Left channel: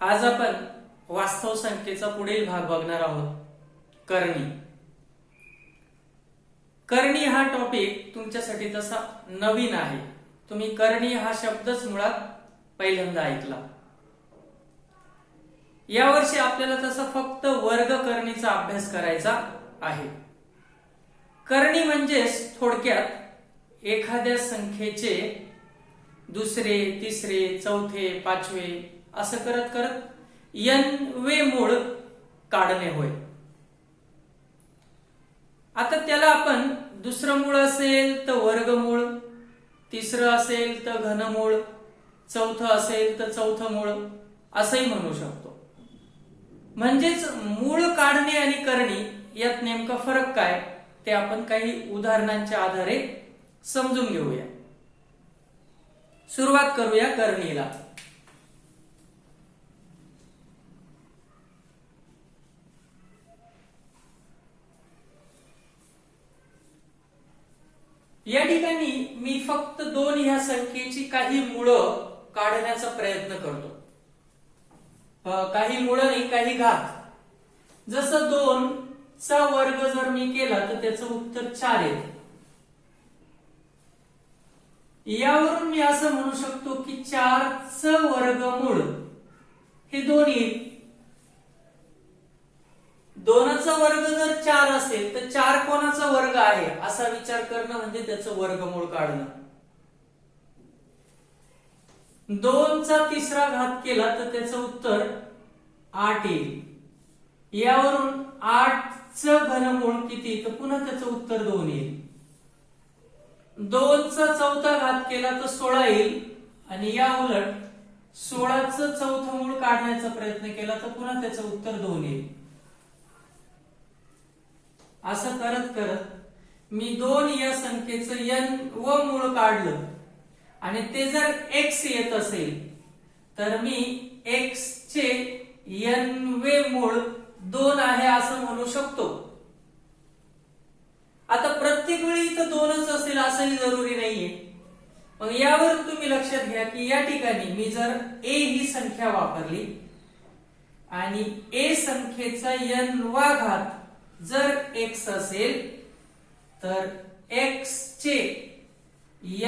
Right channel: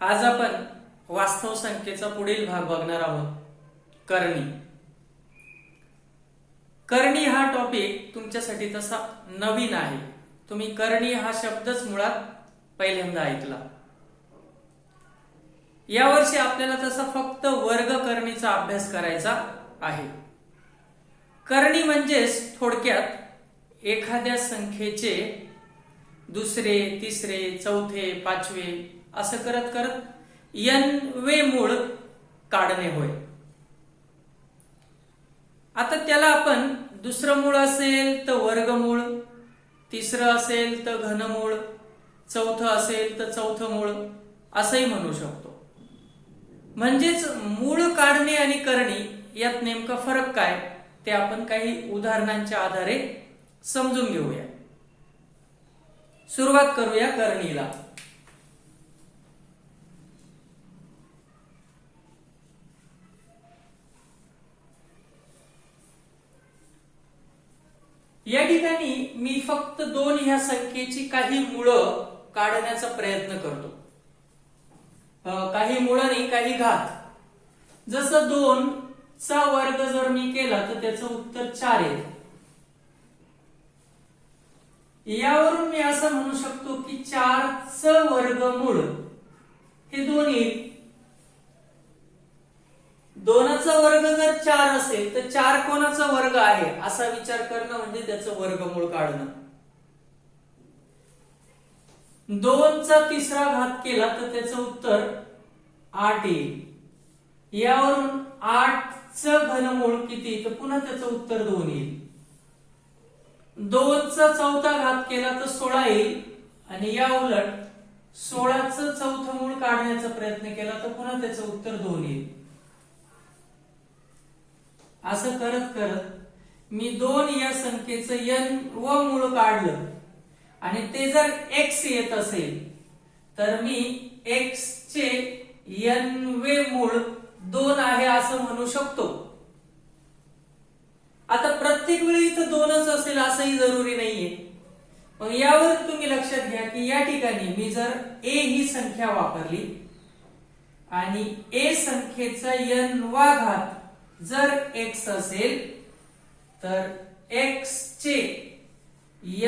आज आपण वास्तव संख्येचा पुढील भाग बघणार आहोत, करणी. करणी हा टॉपिक तुमच्यासाठी तसा नवीन आहे. तुम्ही करणी हा शब्दच मुळात पहिल्यांदा ऐकला. यावर्षी आपल्याला तसा फक्त वर्ग करणीचा अभ्यास करायचा आहे. करणी म्हणजेच थोडक्यात एखाद्या संख्येचे दुसरे, तिसरे, चौथे, पाचवे असं करत करत n वे मूळ काढणे होय. आता त्याला आपण दुसरं मूळ असेल तर वर्गमूळ, तिसरं असेल तर घनमूळ, चौथं असेल तर चौथं मूळ असंही म्हणू शकतो. म्हणजेच मूळ काढणे आणि करणी यात नेमका फरक काय ते आपण काही उदाहरणांच्या आधारे समजून घेऊया. सुरुवात करूया करणीला. या ठिकाणी मी फक्त 2 ह्या संख्येची काही मुळं काढण्याचा प्रयत्न करतो. काही मुळं नाही, काही घात. जसं 2 चा वर्ग जर मी केला तर त्याचं उत्तर 4 येईल. यावरून मी असं म्हणू शकतो की 4 चं वर्गमूळ हे 2 येईल. 2 चा वर्ग जर 4 असेल तर 4 कोणाचा वर्ग आहे असा विचार करणं म्हणजे त्याचं वर्गमूळ काढणं. 2 चा तिसरा घात केला तर त्याचं उत्तर 8 येईल. यावरून 8 चं घनमूळ किती तर पुन्हा त्याचं उत्तर 2 येईल. 2 चा चौथा घात केला तर 16 येईल आणि या उलट 16 चं चौथं मूळ काढण्याचा प्रयत्न केला तर पुन्हा त्याचं उत्तर 2 येईल. असं करत करत मी 2 या संख्येचं n व मूळ काढलं आणि ते जर x येत असेल तर मी x चे n वे मूळ 2 आहे असं म्हणू शकतो. आता प्रत्येक वेळी इथं 2च असेल असंही जरुरी नाहीये. मग यावर तुम्ही लक्षात घ्या की या ठिकाणी मी जर a ही संख्या वापरली आणि a संख्येचा n वा घात जर x असेल तर x चे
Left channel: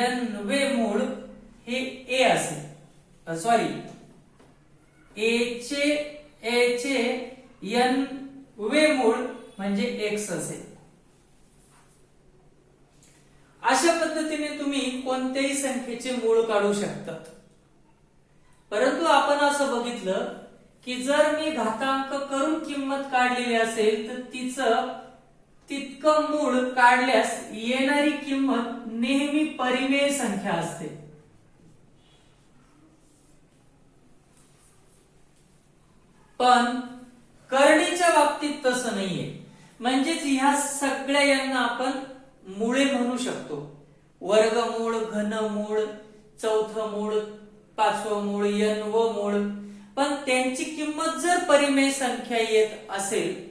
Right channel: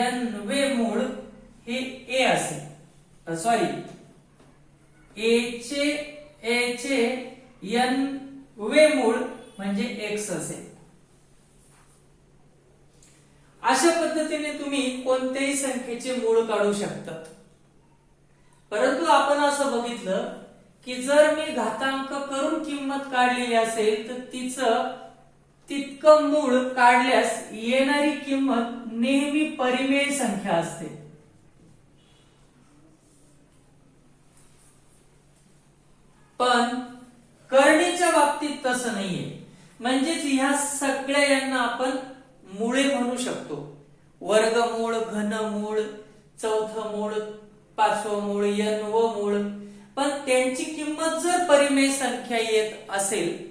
n वे मूळ हे a असेल. सॉरी, a चे n वे मूळ म्हणजे x असेल. अशा पद्धतीने तुम्ही कोणत्याही संख्येचे मूळ काढू शकता. परंतु आपण असं बघितलं की जर मी घातांक करून किंमत काढलेली असेल तर तिचं तितकं मूळ काढल्यास येणारी किंमत नेहमी परिमेय संख्या असते. पण करणीच्या बाबतीत तसं नाहीये. म्हणजेच ह्या सगळ्या यांना आपण मुळे म्हणू शकतो. वर्गमूळ, घनमूळ, चौथं मूळ, पाचवं मूळ, n व मूळ. पण त्यांची किंमत जर परिमेय संख्या येत असेल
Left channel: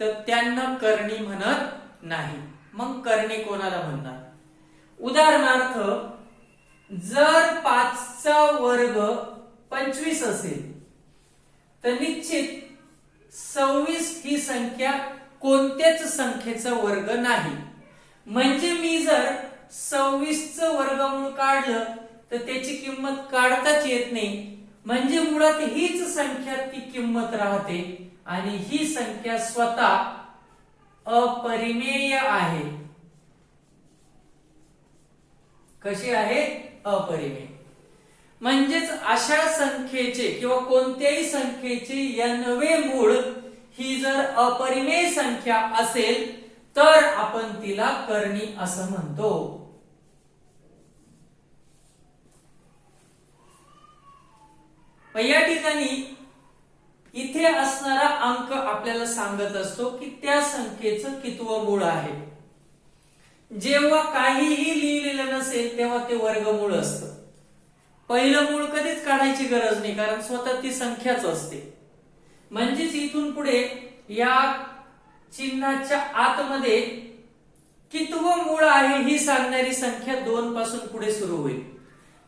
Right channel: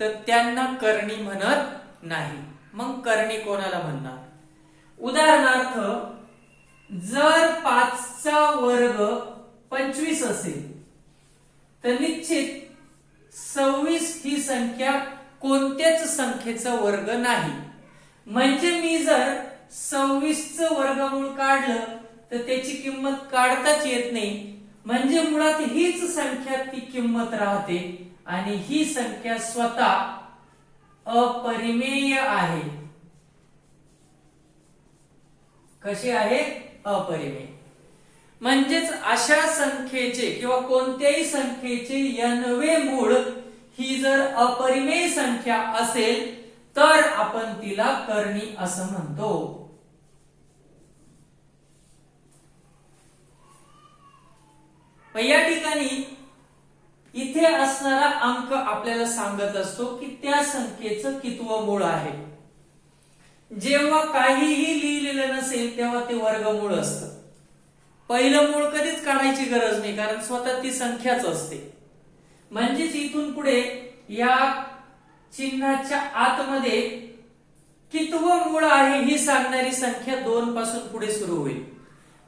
तर त्यांना करणी म्हणत नाही. मग करणी कोणाला म्हणणार? उदाहरणार्थ जर 5 चा वर्ग 25 असेल तर निश्चित 26 ही संख्या कोणत्याच संख्येचा वर्ग नाही. म्हणजे मी जर 26 चं वर्गमूळ काढलं तर त्याची किंमत काढताच येत नाही. म्हणजे मुळात हीच संख्या ती किंमत राहते आणि ही संख्या स्वतः अपरिमेय आहे. कशी आहे? अपरिमेय. म्हणजेच अशा संख्येचे किंवा कोणत्याही संख्येचे n वे मूळ ही जर अपरिमेय संख्या असेल तर आपण तिला करणी असं म्हणतो. या ठिकाणी इथे असणारा अंक आपल्याला सांगत असतो की त्या संख्येचं कितवं मूळ आहे. जेव्हा काहीही लिहिलेलं नसेल तेव्हा ते वर्गमूळ असतं. पहिलं मूळ कधीच काढायची गरज नाही कारण स्वतः ती संख्याच असते. म्हणजेच इथून पुढे या चिन्हाच्या आतमध्ये कितवं मूळ आहे ही सांगणारी संख्या 2 पासून पुढे सुरू होईल.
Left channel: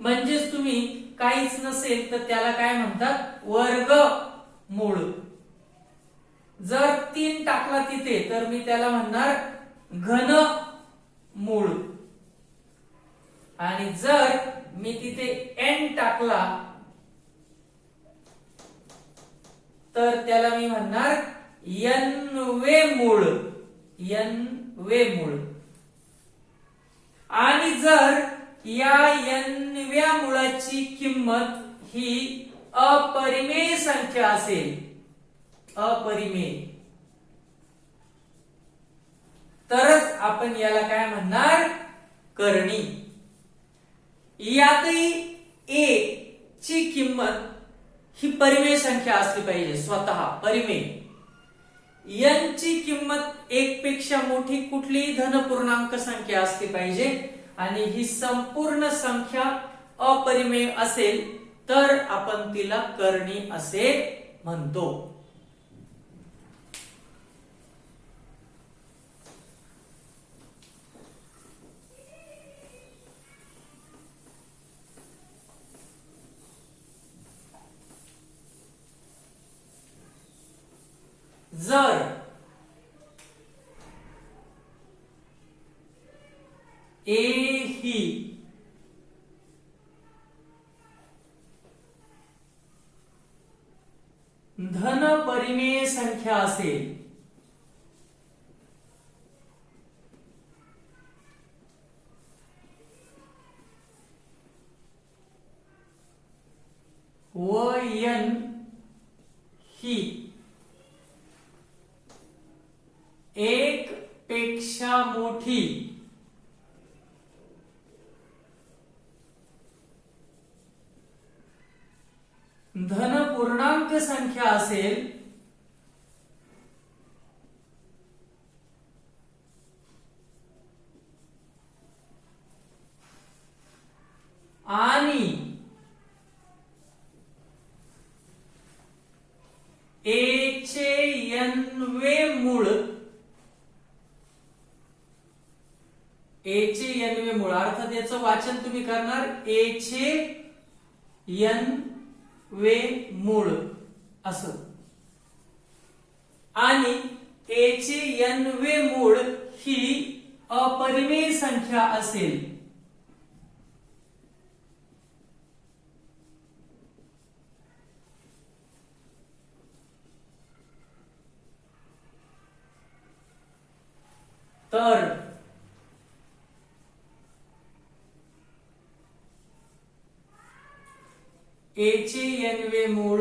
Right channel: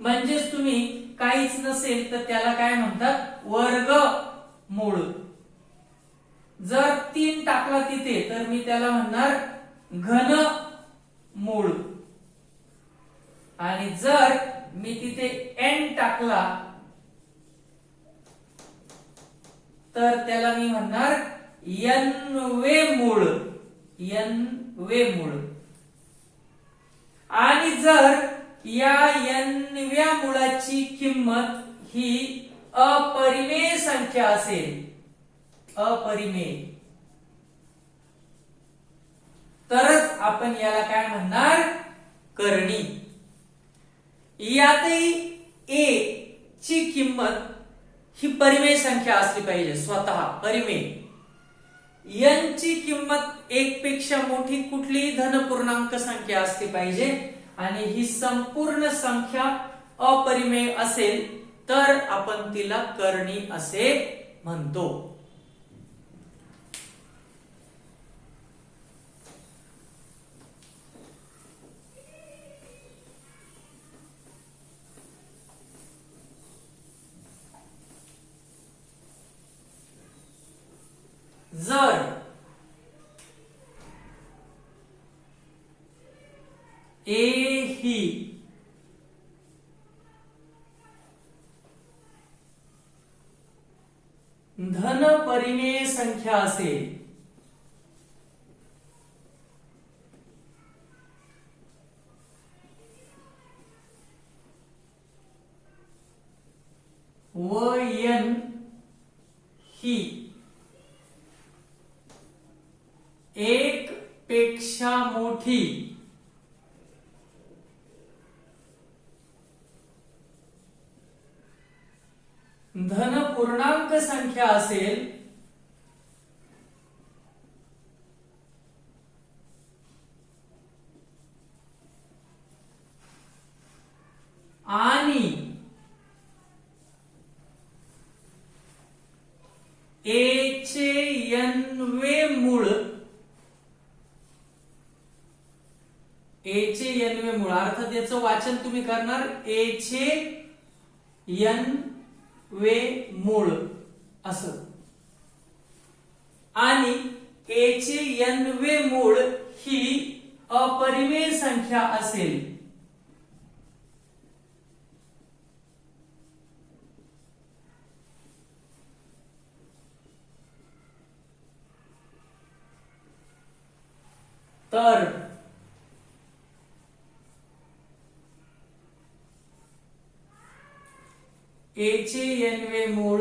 म्हणजेच तुम्ही काहीच नसेल तर त्याला काय म्हणतात वर्गमूळ. जर 3 टाकला तिथे तर मी त्याला म्हणणार घनमूळ. आणि जर मी तिथे n टाकला तर त्याला मी म्हणणार n वे मूळ. n वे मूळ. आणि जर या n व्या मुळाची किंमत ही अपरिमेय संख्या असेल, अपरिमेय, तरच आपण याला काय म्हणणार करणी. यातही a ची किंमत ही परिमेय संख्या असली पाहिजे, स्वतः परिमेय. n ची किंमत 1 पेक्षा मोठी कुठलीही धनपूर्णांक संख्या असली पाहिजे आणि ही संपूर्ण संख्या अपरिमेय असेल तर आपण तिला करणी असे म्हणतो. जर ए ही धन परिमेय संख्या असेल व n ही 1 पेक्षा मोठी धनपूर्णांक संख्या असेल आणि a चे n वे मूळ, a चे n वे मूळ अर्थ त्याचं वाचन तुम्ही करणार a चे n वे मूळ असं, आणि a चे n वे मूळ ही अपरिमेय संख्या असेल तर a चे n वे मूळ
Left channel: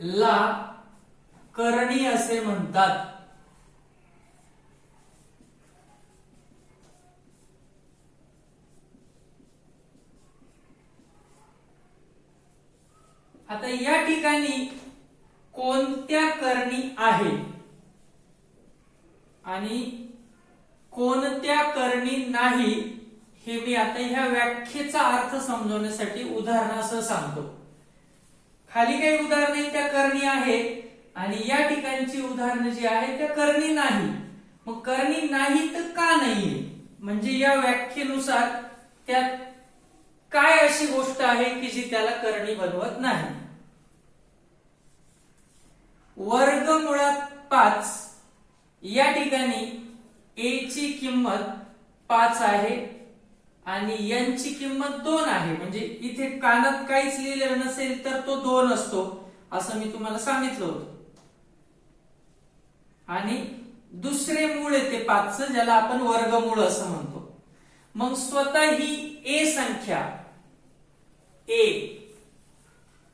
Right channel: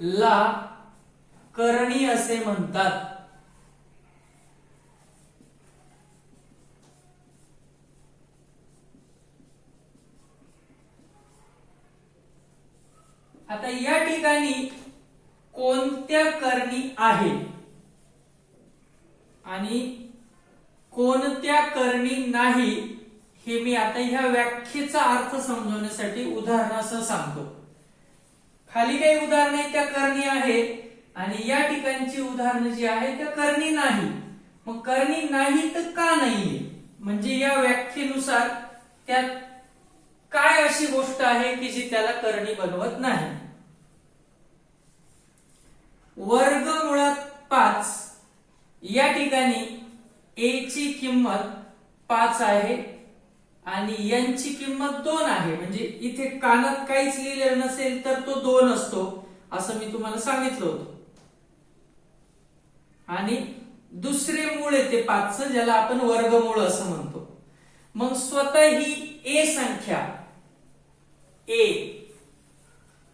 ला करणी असे म्हणतात. आता या ठिकाणी कोणत्या करणी आहे आणि कोणत्या करणी नाही हे मी आता ह्या व्याख्येचा अर्थ समजवण्यासाठी उदाहरणासह सांगतो. खाली काही उदाहरणे त्या करणी आहेत आणि या ठिकाणची उदाहरणे जी आहेत त्या करणी नाही. मग करणी नाही तर का नाहीये, म्हणजे या व्याख्येनुसार त्यात काय अशी गोष्ट आहे की जी त्याला करणी बनवत नाही. वर्गमुळात 5 या ठिकाणी a ची किंमत 5 आहे आणि n ची किंमत 2 आहे. म्हणजे इथे कानात काहीच लिहिलेलं नसेल तर तो 2 असतो असं मी तुम्हाला सांगितलं होतं. आणि दुसरे मूळ येते 5 ज्याला आपण वर्गमूळ असं म्हणतो. मग स्वतः ही a संख्या a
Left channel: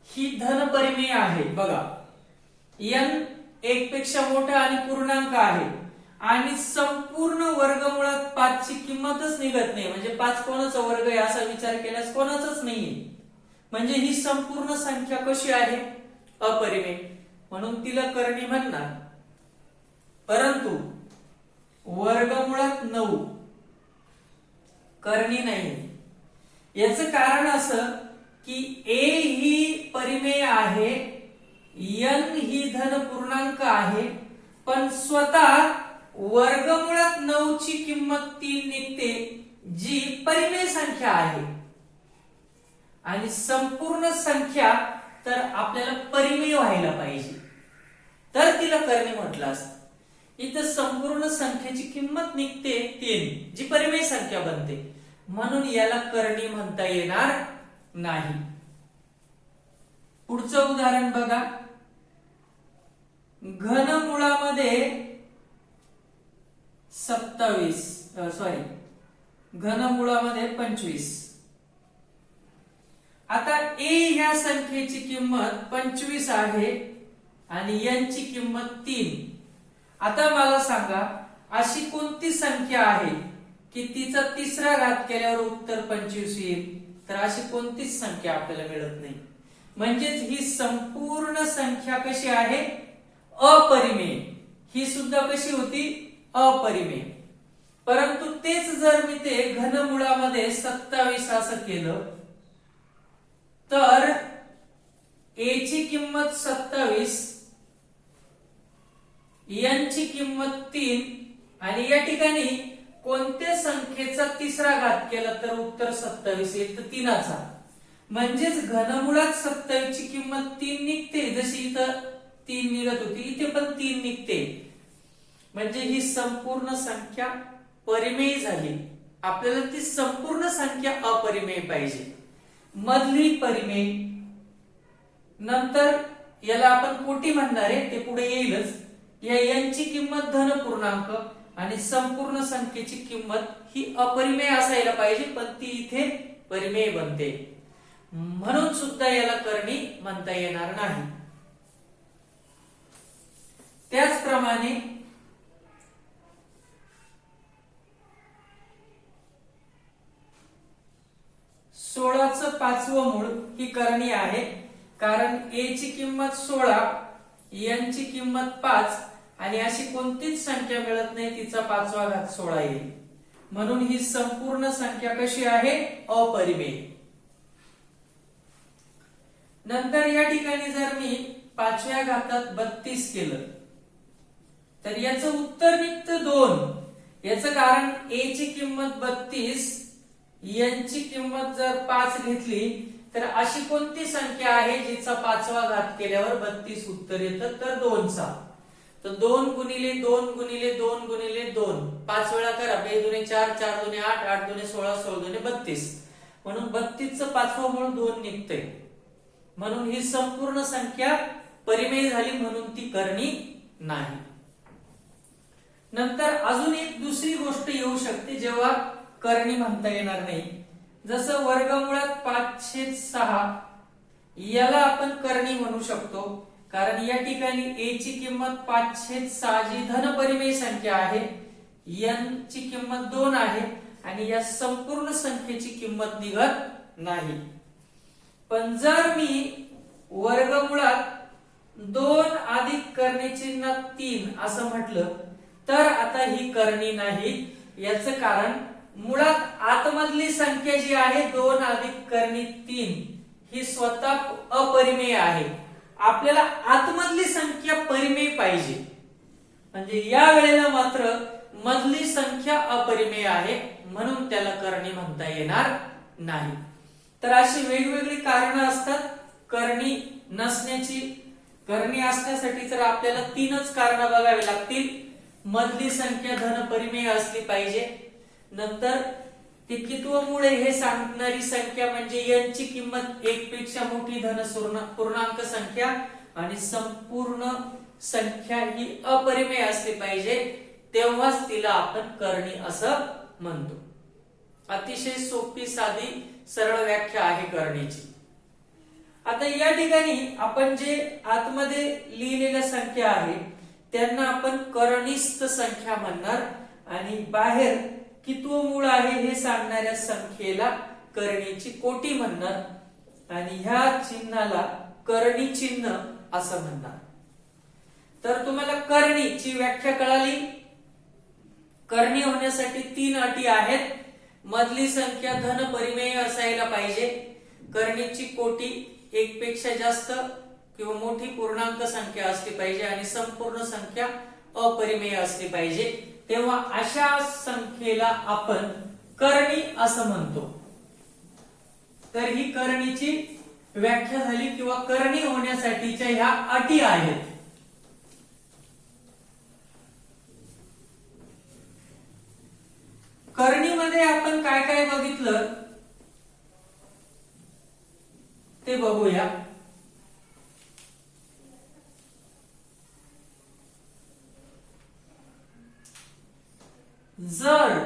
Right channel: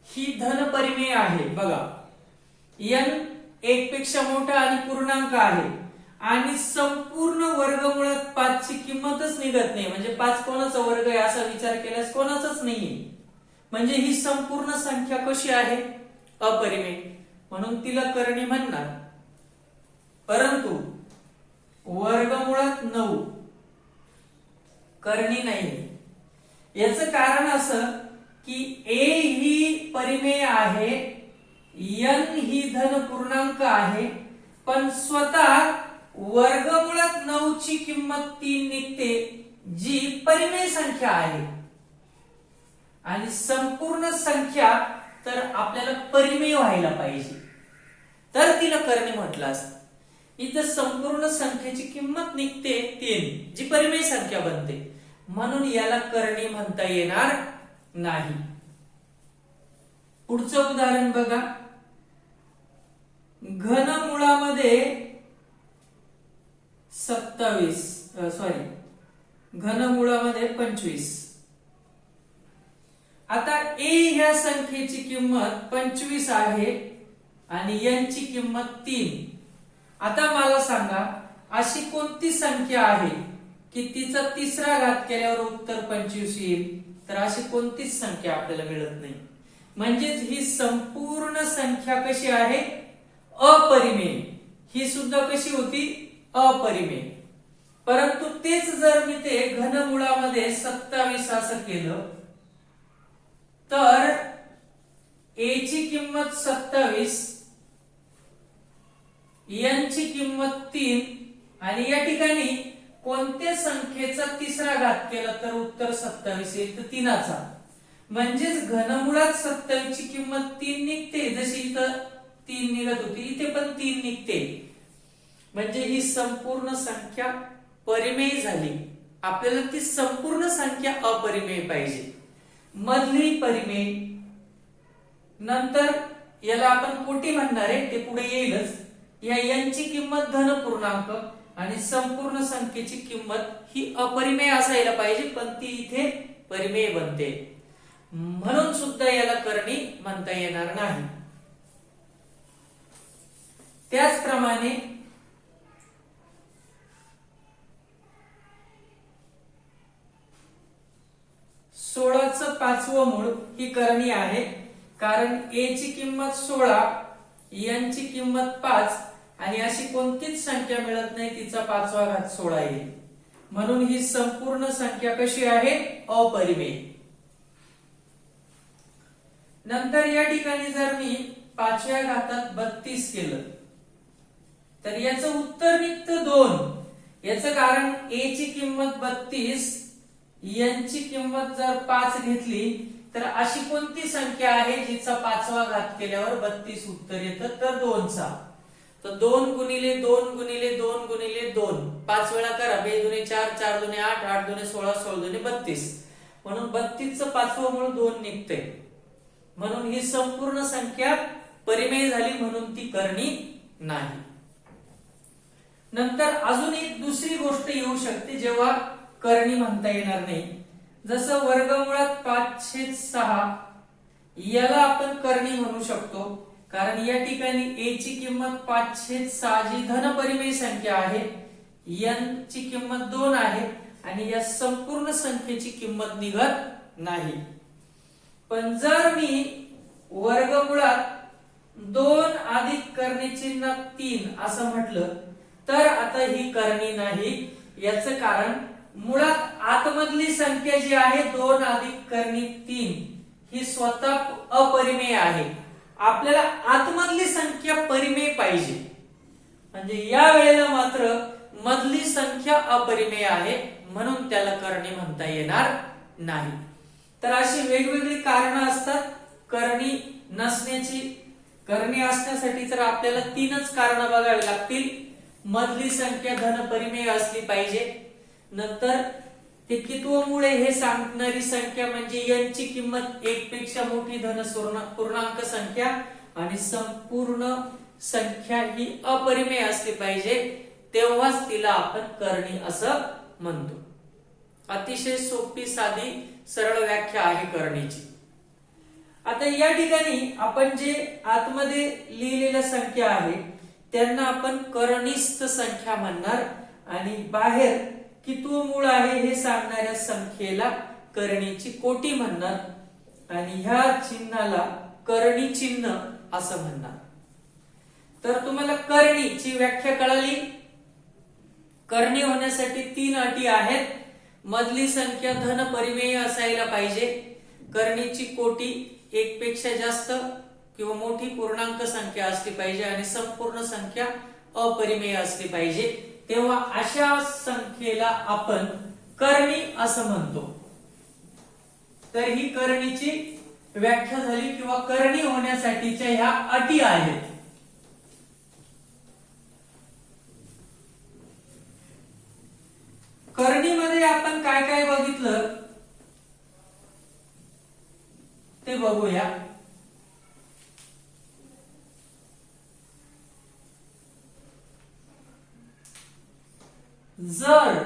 ही धनपरिमेय आहे. बघा n 1 पेक्षा मोठा आणि पूर्णांक आहे आणि संपूर्ण वर्गमुळात 5 ची किंमतच निघत नाही. म्हणजे 5 कोणाचा वर्ग आहे असा विचार केल्यास कोणाचाच नाहीये. म्हणजे ही संपूर्ण संख्या कशी आहे अपरिमेय, म्हणून तिला करणी म्हणणार. परंतु वर्गमुळात 9 करणी नाहीये. याचं कारण असं की a ही परिमेय आहे, n ही धन पूर्णांक आहे, पण स्वतः वर्गमुळात 9 ची किंमत 3 निघते जी परिमेय संख्या आहे. आणि संपूर्ण संख्या तर आपल्याला परिमेय व्हायला पाहिजे, तर तिला करणी म्हटलं असतं. इथं संपूर्ण संख्येची किंमत निघते 3, जी परिमेय संख्या बनते, म्हणून याला करणी म्हणता येणार नाही. पुढचं उदाहरण बघा. घनमुळामध्ये 25. आता a ह्या संख्येची किंमत 25 आहे आणि n ची किंमत 3. आता मला सांगा, अशी कोणती संख्या आहे की तिचा तिसरा घात केल्यावर उत्तर 25 येईल? तर अशी कोणतीच संख्या आपल्याला मिळत नाही. म्हणजेच ही संपूर्ण संख्या कशी आहे? अपरिमेय. ही सुद्धा कशी होती? अपरिमेय. परंतु तेच जर मी ते घनमुळामध्ये 27 असं केलं तर a ची किंमत 27, n ची किंमत 3 आणि या ठिकाणी कोणत्या संख्येचा तिसरा घात केला तर उत्तर 27 येईल? तर 3चा. म्हणजेच घनमुळात 27 ची किंमत 3 निघते, जशी इथं 3 निघत होती, इथे पण 3 निघते. म्हणजे ही संपूर्ण संख्या परिमेय झाली. आपल्याला ती संपूर्ण संख्या अपरिमेय पाहिजे. मधली परिमेय, नंतर याला आपण कोटी म्हणणार आहे, ते पुढे येईलच. या n ची किंमत धन पूर्णांक आणि संपूर्ण संख्येची किंमत ही अपरिमेय असायला पाहिजे, पण ती इथे परिमेय बनते, म्हणून सुद्धा याला करणी म्हणता येणार नाही. त्याचप्रमाणे 16चं 5वं मूळ ही करणी आहे, कारण a ची किंमत 16, n ची किंमत 5 आणि अशी कोणतीच संख्या मिळत नाही तिचा 5वा घात 16 येईल, म्हणून ही संपूर्ण संख्या कशी आहे? अपरिमेय. नंतर या ठिकाणी जर मी 5व्या घातात 32 केलं तर याचं उत्तर निघतं 2. याचं कारण a ची किंमत 32, n ची किंमत जर 5 घेतली तर अशी कोणती संख्या आहे जिचा 5वा घात केल्यावर 32 उत्तर येतं? तर 2चा. तर 2 गुणिले 2 गुणिले 2 गुणिले 2 5 वेळा करा. 2 दुने 4, 4 दुने 8, 8 दुने 16, 16 दुने 32. म्हणून 32चं 5वं मूळ 2 निघते. म्हणून ही संपूर्ण संख्या परिमेय झाली, म्हणून ती करणी नाही. नंतर अजून एक दुसरी गोष्ट येऊ शकते जेव्हा करणी म्हणता येणार नाही. जसं वर्गमुळात 5/6 याला आपण करणी म्हणू शकतो, कारण या ठिकाणी a ची किंमत 5/6 जी धनपरिमेय संख्या आहे, n ची किंमत 2 आहे आणि या संपूर्ण संख्येची किंमत निघत नाही. पण जर मी वर्गमुळात 2 अधिक करणी चिन्ह 3 असं म्हटलं तर आता ही करणी नाही. याचं कारण मुळात आतमधली संख्या जी आहे 2 अधिक करणी 3 ही स्वतः अपरिमेय आहे. आपल्याला आतमधली संख्या परिमेय पाहिजे, म्हणजे या वेळेला मात्र मधली संख्या अपरिमेय आहे, म्हणून त्याला करणी म्हणता येणार नाही. तर अशी वेगवेगळी कारणं असतात करणी नसण्याची. करणी असण्यासाठी तर आपल्याला 3च कारणं बघावी लागतील. मधली संख्या धनपरिमेय असली पाहिजे, नंतर ते कितवं मूळ हे सांगणारी संख्या म्हणजे n ची किंमत 1 पेक्षा मोठी धन पूर्णांक संख्या आणि संपूर्ण संख्या ही अपरिमेय असली पाहिजे, तेव्हाच तिला आपण करणी असं म्हणतो. अतिशय सोपी साधी सरळ व्याख्या आहे करणीची. आता या ठिकाणी आपण जे आतमध्ये लिहिलेल्या संख्या आहे त्यांना आपण करणीस्थ संख्या म्हणणार आणि बाहेर कितवं मूळ आहे हे सांगणाऱ्या संख्येला करणीची कोटी म्हणणार आणि ह्या चिन्हाला करणी चिन्ह असं म्हणणार. तर तुम्हाला करणीची व्याख्या कळाली. करणी होण्यासाठी 3 अटी आहेत. मधली संख्या धनपरिमेय असायला पाहिजे, करणीची कोटी 1 पेक्षा जास्त किंवा मोठी पूर्णांक संख्या असली पाहिजे आणि संपूर्ण संख्या अपरिमेय असली पाहिजे, तेव्हा अशा संख्येला आपण करणी असं म्हणतो. तर ही करणीची व्याख्या झाली किंवा करणी होण्यासाठीच्या ह्या अटी आहेत. करणीमध्ये आपण काय काय बघितलं ते बघूया. जर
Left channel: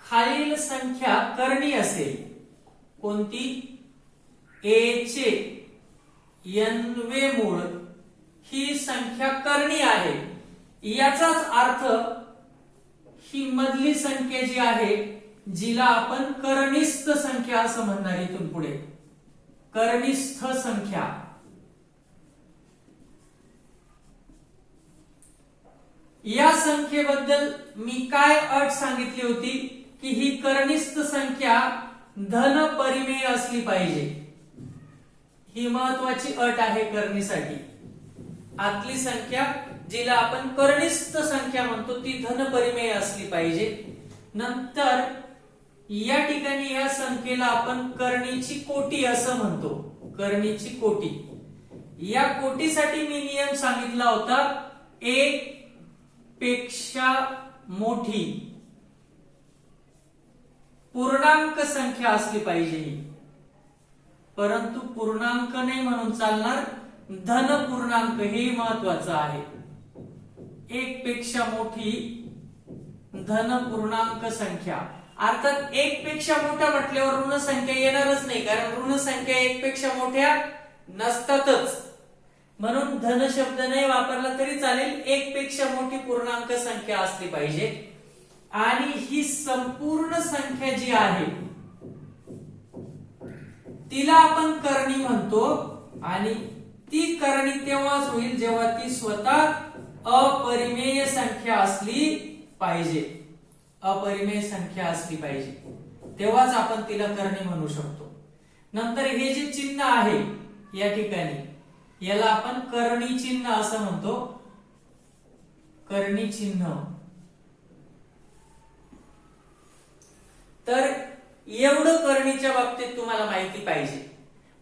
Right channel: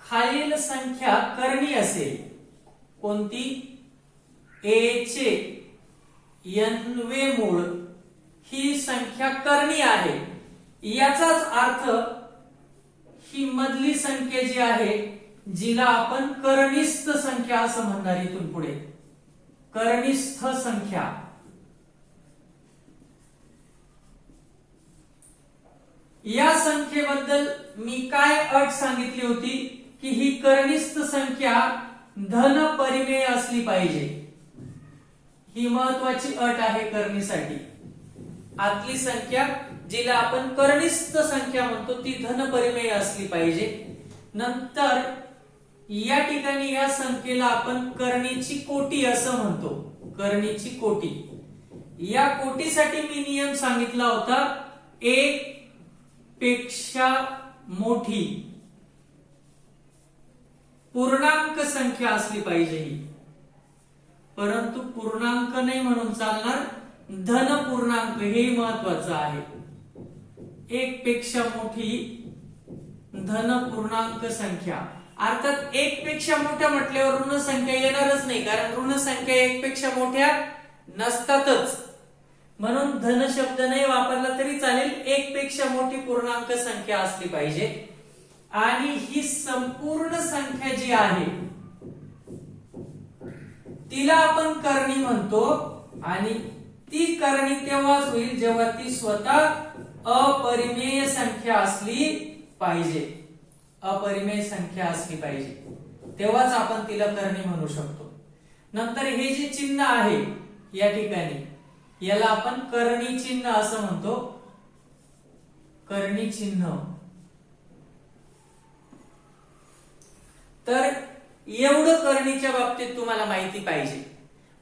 खालील संख्या करणी असेल, कोणती? ए चे n-वे मूळ ही संख्या करणी आहे, याचाच अर्थ ही मधली संख्या जी आहे जिला आपण करणीस्थ संख्या असं म्हणणार इथून पुढे. करणीस्थ संख्या या संख्येबद्दल मी काय अट सांगितली होती की ही करणीस्थ संख्या धन परिमेय असली पाहिजे. ही महत्वाची अट आहे करणीसाठी. आतली संख्या जिला आपण करणीस्थ संख्या म्हणतो ती धन परिमेय असली पाहिजे. नंतर या ठिकाणी या संख्येला आपण करणीची कोटी असं म्हणतो. करणीची कोटी. या कोटीसाठी मी नियम सांगितला होता, एक पेक्षा मोठी पूर्णांक संख्या असली पाहिजे ही. परंतु पूर्णांक नाही म्हणून चालणार, धन पूर्णांक हे महत्वाचं आहे. एक पेक्षा मोठी धन पूर्णांक संख्या. अर्थात एक पेक्षा मोठ्या म्हटल्यावर ऋण संख्या येणारच नाही, कारण ऋण संख्या एक पेक्षा मोठ्या नसतातच. म्हणून धन शब्द नाही वापरला तरी चालेल, एक पेक्षा मोठी पूर्णांक संख्या असली पाहिजे. आणि ही संपूर्ण संख्या जी आहे तिला आपण करणी म्हणतो. आणि ती करणी तेव्हाच होईल जेव्हा ती स्वतः अपरिमेय संख्या असली पाहिजे. अपरिमेय संख्या असली पाहिजे तेव्हाच आपण तिला करणी म्हणू शकतो. नंतर हे जे चिन्ह आहे या ठिकाणी याला आपण करणी चिन्ह असं म्हणतो. करणी चिन्ह. तर एवढं करणीच्या बाबतीत तुम्हाला माहिती पाहिजे.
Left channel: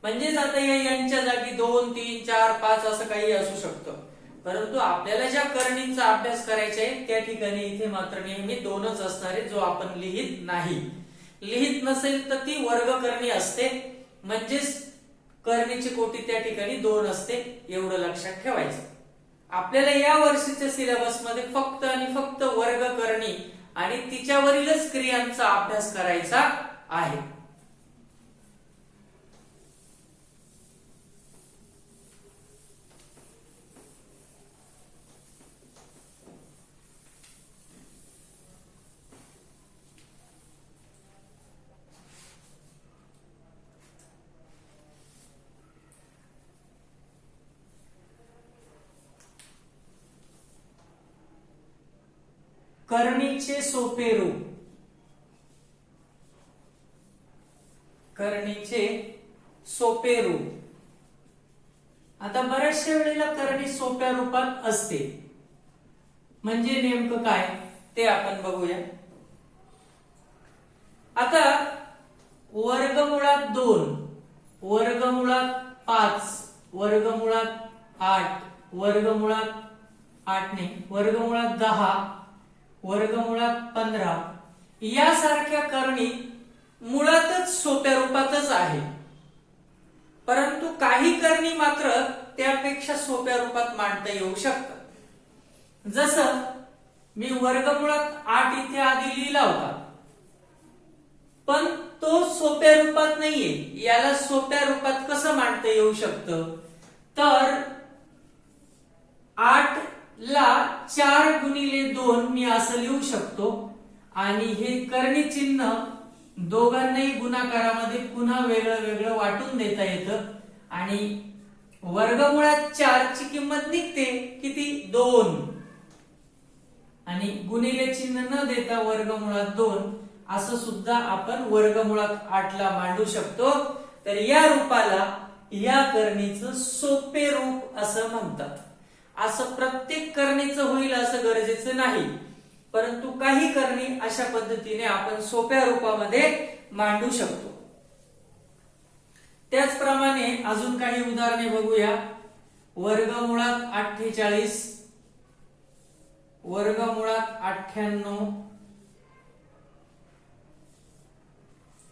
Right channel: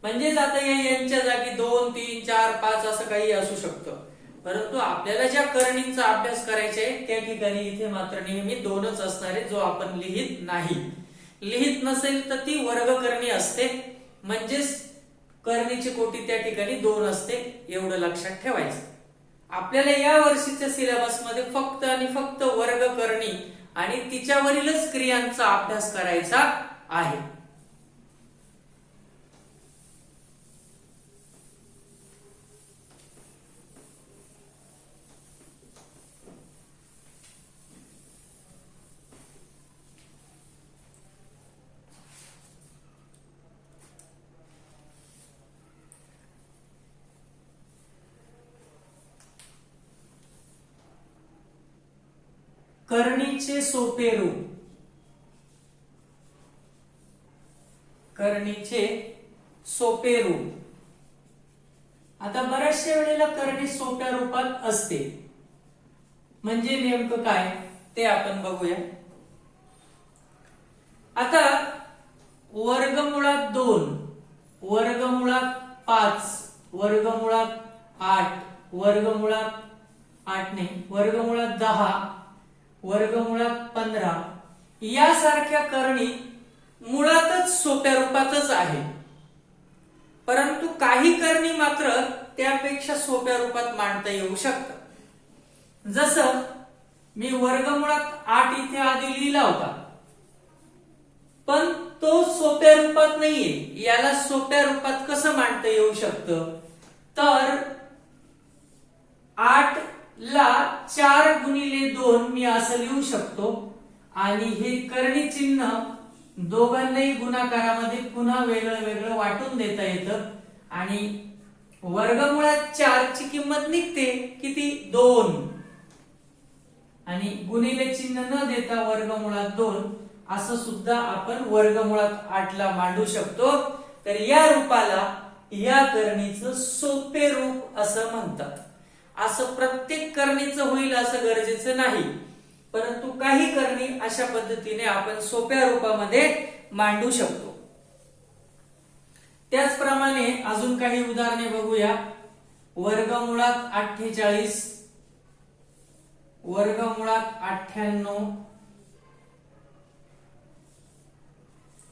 म्हणजेच आता यांच्या जागी 2, 3, 4, 5 असं काही असू शकतं. परंतु आपल्याला ज्या करणींचा अभ्यास करायचा आहे त्या ठिकाणी इथे मात्र नेहमी 2च असणार आहे, जो आपण लिहित नाही. लिहित नसेल तर ती वर्ग करणी असते. म्हणजेच करणीची कोटी त्या ठिकाणी 2 असते. एवढं लक्षात ठेवायचं. आपल्याला या वर्षीच्या सिलेबस मध्ये फक्त आणि फक्त वर्ग करणी आणि तिच्यावरीलच क्रियांचा अभ्यास करायचा आहे. करणीचे सोपे रूप. करणीचे सोपे रूप. आता बऱ्याचशा वेळेला करणी सोप्या रूपात असते. म्हणजे नेमकं काय ते आपण बघूया. आता वर्गमुळात 2, वर्गमुळात 5, वर्गमुळात 8, वर्गमुळात 8 नाही, वर्गमुळात 10, वर्गमुळात 15 यासारख्या करणी मुळातच सोप्या रूपातच आहे. परंतु काही करणी मात्र त्यापेक्षा सोप्या रूपात मांडता येऊ शकतात. जसं मी वर्गमुळात 8 इथे आधी लिहिला होता, पण तो सोप्या रूपात नाहीये. याला सोप्या रूपात कसं मांडता येऊ शकतं, तर 8 ला 4 गुणिले 2 मी असं लिहू शकतो. आणि हे करणी चिन्ह दोघांनाही गुणाकारामध्ये पुन्हा वेगळं वेगळं वाटून देता येतं. आणि वर्गमुळात 4 ची किंमत निघते किती, 2. आणि गुणिले चिन्ह न देता वर्गमुळात 2 असं सुद्धा आपण वर्गमुळात 8 ला मांडू शकतो. तर या रूपाला या करणीचं सोपे रूप असं म्हणतात. असं प्रत्येक करणीचं होईल असं गरजेचं नाही, परंतु काही करणी अशा पद्धतीने आपण सोप्या रूपामध्ये मांडू शकतो. त्याचप्रमाणे अजून काही उदाहरणे बघूया. वर्गमुळात 48, वर्गमुळात 98,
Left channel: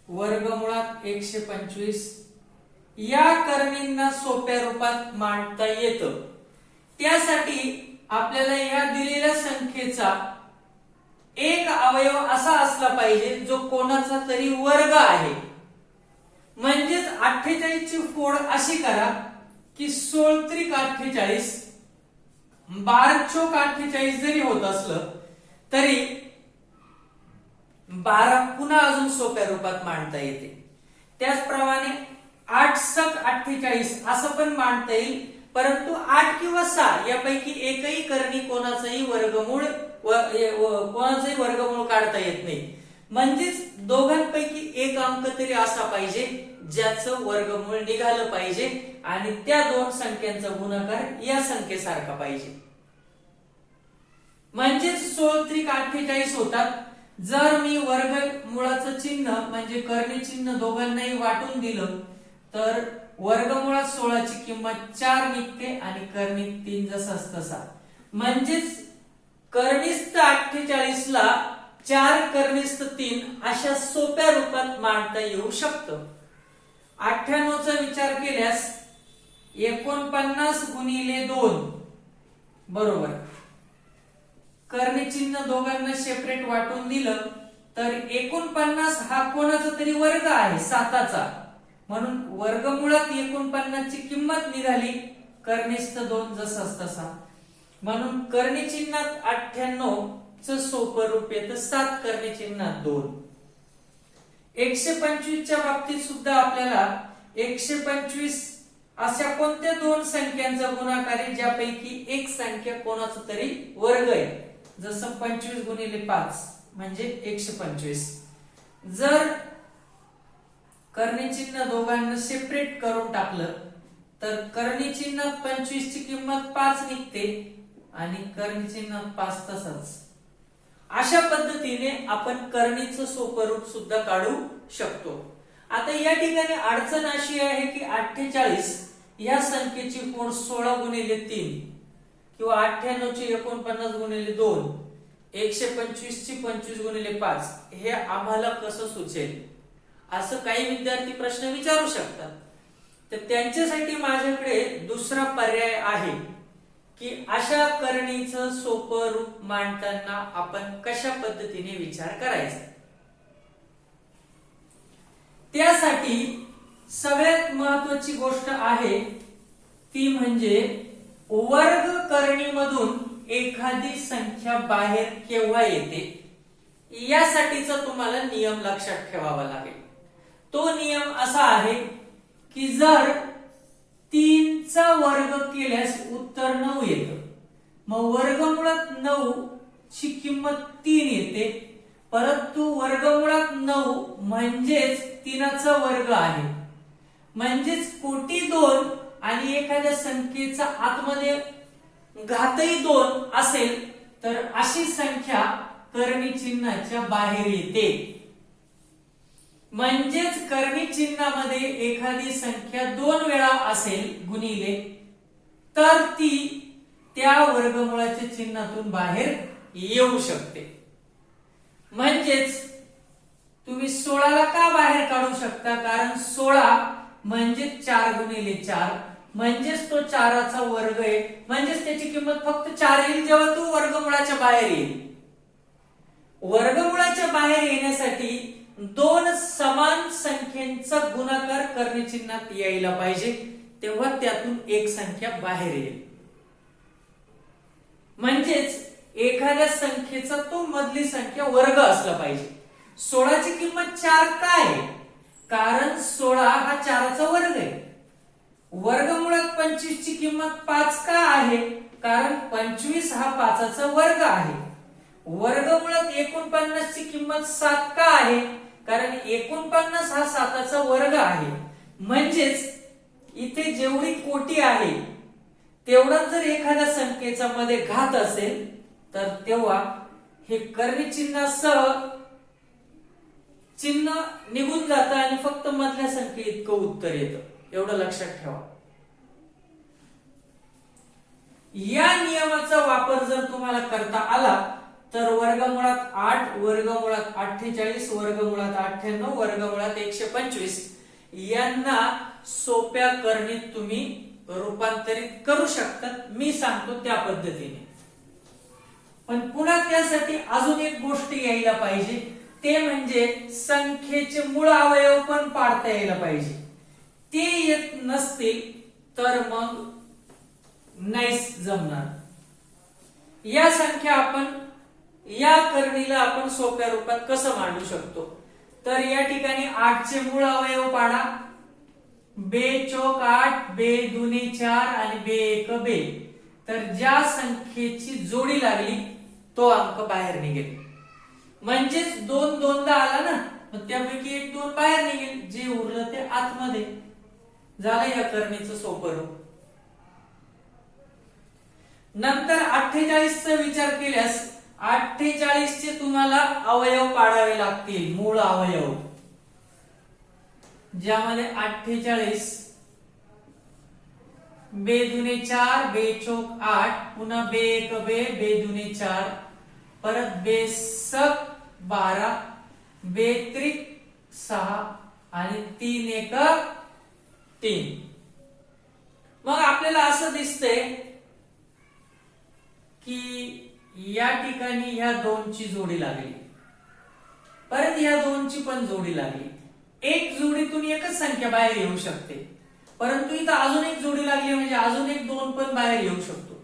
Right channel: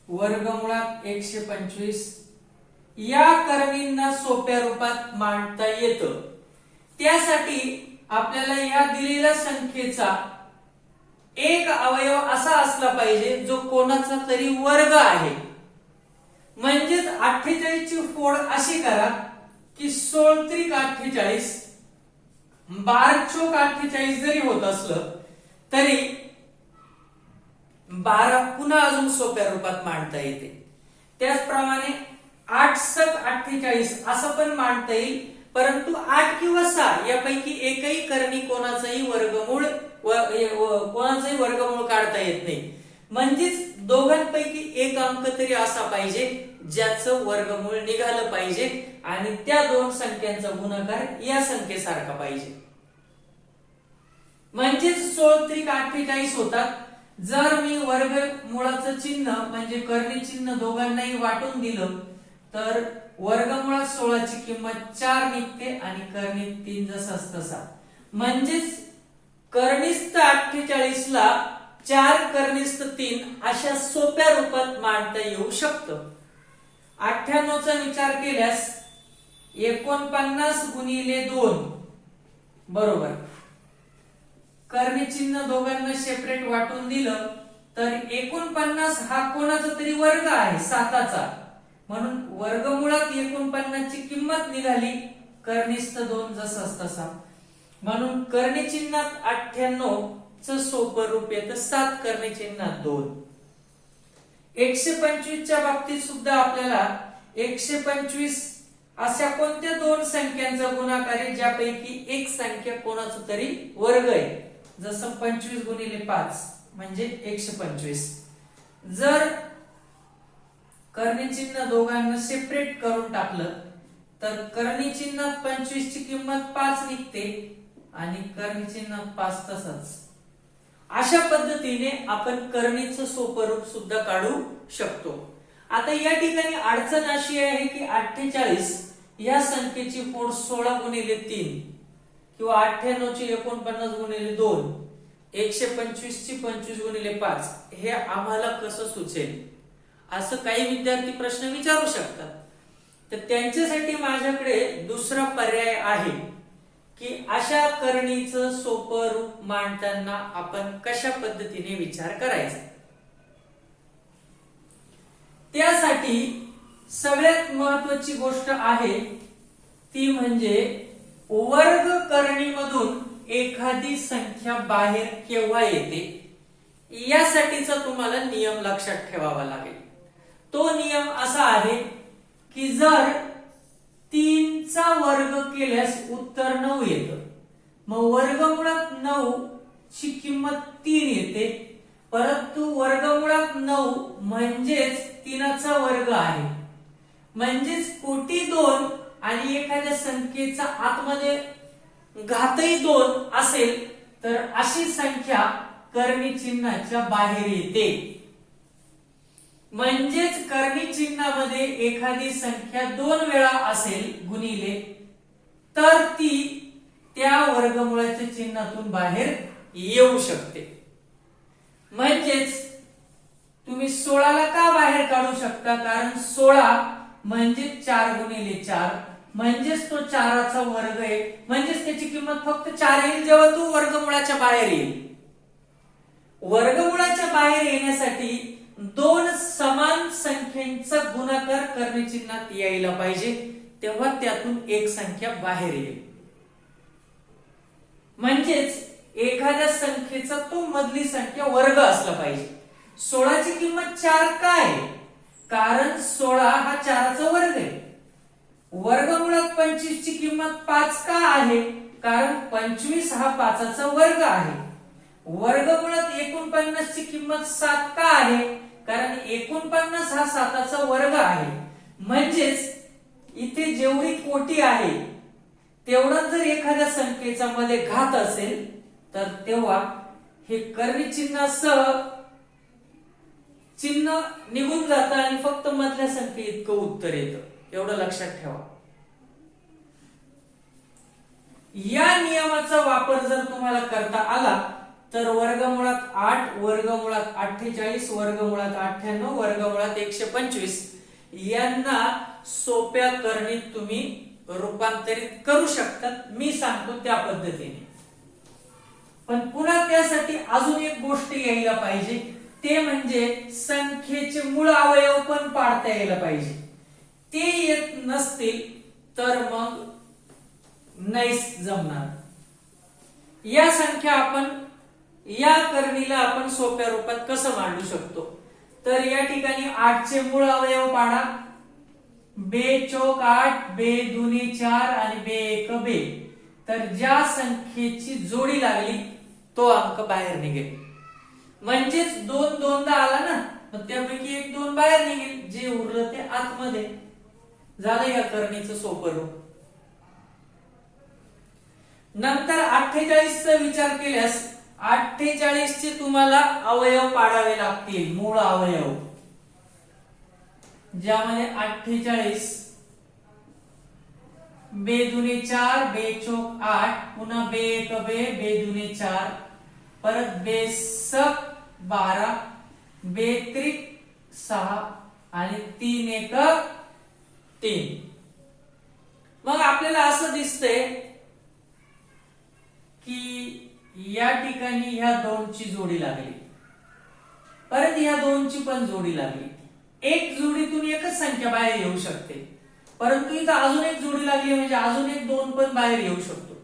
वर्गमुळात 125 या करणींना सोप्या रूपात मांडता येतं. त्यासाठी आपल्याला या दिलेल्या संख्येचा एक अवयव असा असला पाहिजे जो कोणाचा तरी वर्ग आहे. म्हणजेच 48 ची फोड अशी करा की 16 त्रिक 48, 12 चोक 48 जरी होत असलं तरी 12 पुन्हा अजून सोप्या रूपात मांडता येते. त्याचप्रमाणे 8 सक 48 असं पण मांडता येईल, परंतु 8 किंवा 6 यापैकी एकही करणी कोणाचाही वर्गमूळ काढता येत नाही. म्हणजेच दोघांपैकी एक अंक तरी असा पाहिजे ज्याचं वर्गमूळ निघालं पाहिजे आणि त्या दोन संख्यांचा गुणाकार या संख्येसारखा पाहिजे. म्हणजेच 16 त्रिक 48 होतात. जर मी वर्गमुळाचं चिन्ह म्हणजे करणी चिन्ह दोघांनाही वाटून दिलं तर वर्गमुळात 16 ची किंमत 4 निघते आणि करणीत 3 जसाच तसा. म्हणजेच करणीस्थ 48 ला 4 करणीस्थ 3 अशा सोप्या रूपात मांडता येऊ शकतं. 98 चा विचार केल्यास 49 गुणिले 2 बरोबर. करणी चिन्ह दोघांना सेपरेट वाटून दिलं तर 49 हा कोणाचा तरी वर्ग आहे 7चा, म्हणून वर्गमुळात 49 ची किंमत निघाली करणीस्थ 2 जसाच तसा. म्हणून करणी चिन्हात 98 च सोपं रूप येतं 7 करणी चिन्हात 2. 125 च्या बाबतीत सुद्धा आपल्याला 125 अशा कोणत्या दोन संख्यांचा गुणाकार आहे ज्यापैकी एक संख्या कोणाचा तरी वर्ग आहे. जसं 25 गुणिले 5 म्हणजे 125. जर करणी चिन्ह दोघांना सेपरेट करून टाकलं तर करणी चिन्हात 25 ची किंमत 5 निघते आणि करणी चिन्हात 5 तसंच. अशा पद्धतीने आपण करणीचं सोपं रूप सुद्धा काढू शकतो. आता या ठिकाणी अडचण अशी आहे की 48 या संख्येची फोड 16 गुणिले 3 किंवा 98 ची 49 गुणिले 2, 125 ची 25 गुणिले 5 हे आम्हाला कसं सुचेल असं काही विद्यार्थी प्रश्न विचारू शकतात. तर त्यांच्यासाठी माझ्याकडे दुसरा पर्याय आहे की अशा करणीचं सोपं रूप मांडताना आपण कशा पद्धतीने विचार करायचा. त्यासाठी सगळ्यात महत्वाची गोष्ट आहे ती म्हणजे वर्ग करणीमधून एखादी संख्या बाहेर केव्हा येते यासाठीचा तुम्हाला नियम लक्षात ठेवावा लागेल. तो नियम असा आहे की जर 3 चा वर्ग केल्यास उत्तर 9 येतं, मग वर्गमुळात 9 ची किंमत 3 येते, परंतु वर्गमुळात 9 म्हणजेच 3 चा वर्ग आहे. म्हणजेच कोटी 2 आणि एखाद्या संख्येचा आतमध्ये घातही 2 असेल तर अशी संख्या करणी चिन्हाच्या बाहेर येते. म्हणजेच करणी चिन्हामध्ये एखादी संख्या 2 वेळा असेल गुणिले तर ती त्या वर्गमुळाच्या चिन्हातून बाहेर येऊ शकते. म्हणजेच तुम्ही 16 ला का बाहेर काढू शकता, कारण 16 म्हणजे 4 गुणिले 4 म्हणजेच तो 4 चा वर्ग आहे. म्हणजेच त्याची किंमत फक्त 4 येईल जेव्हा तो वर्गमुळाच्या बाहेर येईल. वर्गमुळाच्या बाहेर येण्यासाठी 2 समान संख्यांचा गुणाकार करणी चिन्हात यायला पाहिजे, तेव्हा त्यातून एक संख्या बाहेर येईल. म्हणजेच एखाद्या संख्येचा तो मधली संख्या वर्ग असला पाहिजे. 16 ची किंमत 4 का आहे, कारण 16 हा 4 चा वर्ग आहे. वर्गमुळात 25 ची किंमत 5 का आहे, कारण 25 हा 5 चा वर्ग आहे. वर्गमुळात 49 ची किंमत 7 का आहे, कारण 49 हा 7 चा वर्ग आहे. म्हणजेच इथे जेवढी कोटी आहे तेवढा जर एखाद्या संख्येचा मध्ये घात असेल तर तेव्हा हे करणी चिन्हासह चिन्ह निघून जातं आणि फक्त मधल्या संख्ये इतकं उत्तर येतं, एवढं लक्षात ठेवा. या नियमाचा वापर जर तुम्हाला करता आला तर वर्गमुळात 8, वर्गमुळात 48, वर्गमुळात 98, वर्गमुळात 125 यांना सोप्या करणीत तुम्ही रूपांतरित करू शकता. मी सांगतो त्या पद्धतीने. पण पुन्हा त्यासाठी अजून एक गोष्ट यायला पाहिजे, ते म्हणजे संख्येचे मूळ अवयव पण पाडता यायला पाहिजे. ते येत नसतील तर मग नाहीच जमणार. या संख्या आपण या करणीला आपण सोप्या रूपात कसं मांडू शकतो, तर या ठिकाणी 8 चे मूळ अवयव पाडा. बे चौक 8, बे दुनी 4 आणि बे एक बे. तर ज्या संख्येची जोडी लागली तो अंक बाहेर निघेल. म्हणजेच 2 दोनदा आला ना, मग त्यापैकी 1 2 बाहेर निघेल, जे उरलं ते आतमध्ये. झालं या करणीचं सोपं रूप. नंतर 48 चा विचार केल्यास 48 चे तुम्हाला अवयव पाडावे लागतील, मूळ अवयव. ज्यामध्ये 48 बे दुने 4, बे चौक 8, पुन्हा बे एक बे, बे दुने 4, परत बे सक 12, बे त्रिक 6 आणि 3 एक 3. मग आपल्याला असं दिसतंय की या ठिकाणी ह्या 2 ची जोडी लागली, परत ह्या 2 ची पण जोडी लागली. एक जोडीतून एकच संख्या बाहेर येऊ शकते, परंतु इथं अजून एक जोडी लागली म्हणजे अजून एक 2 पण बाहेर येऊ शकतो.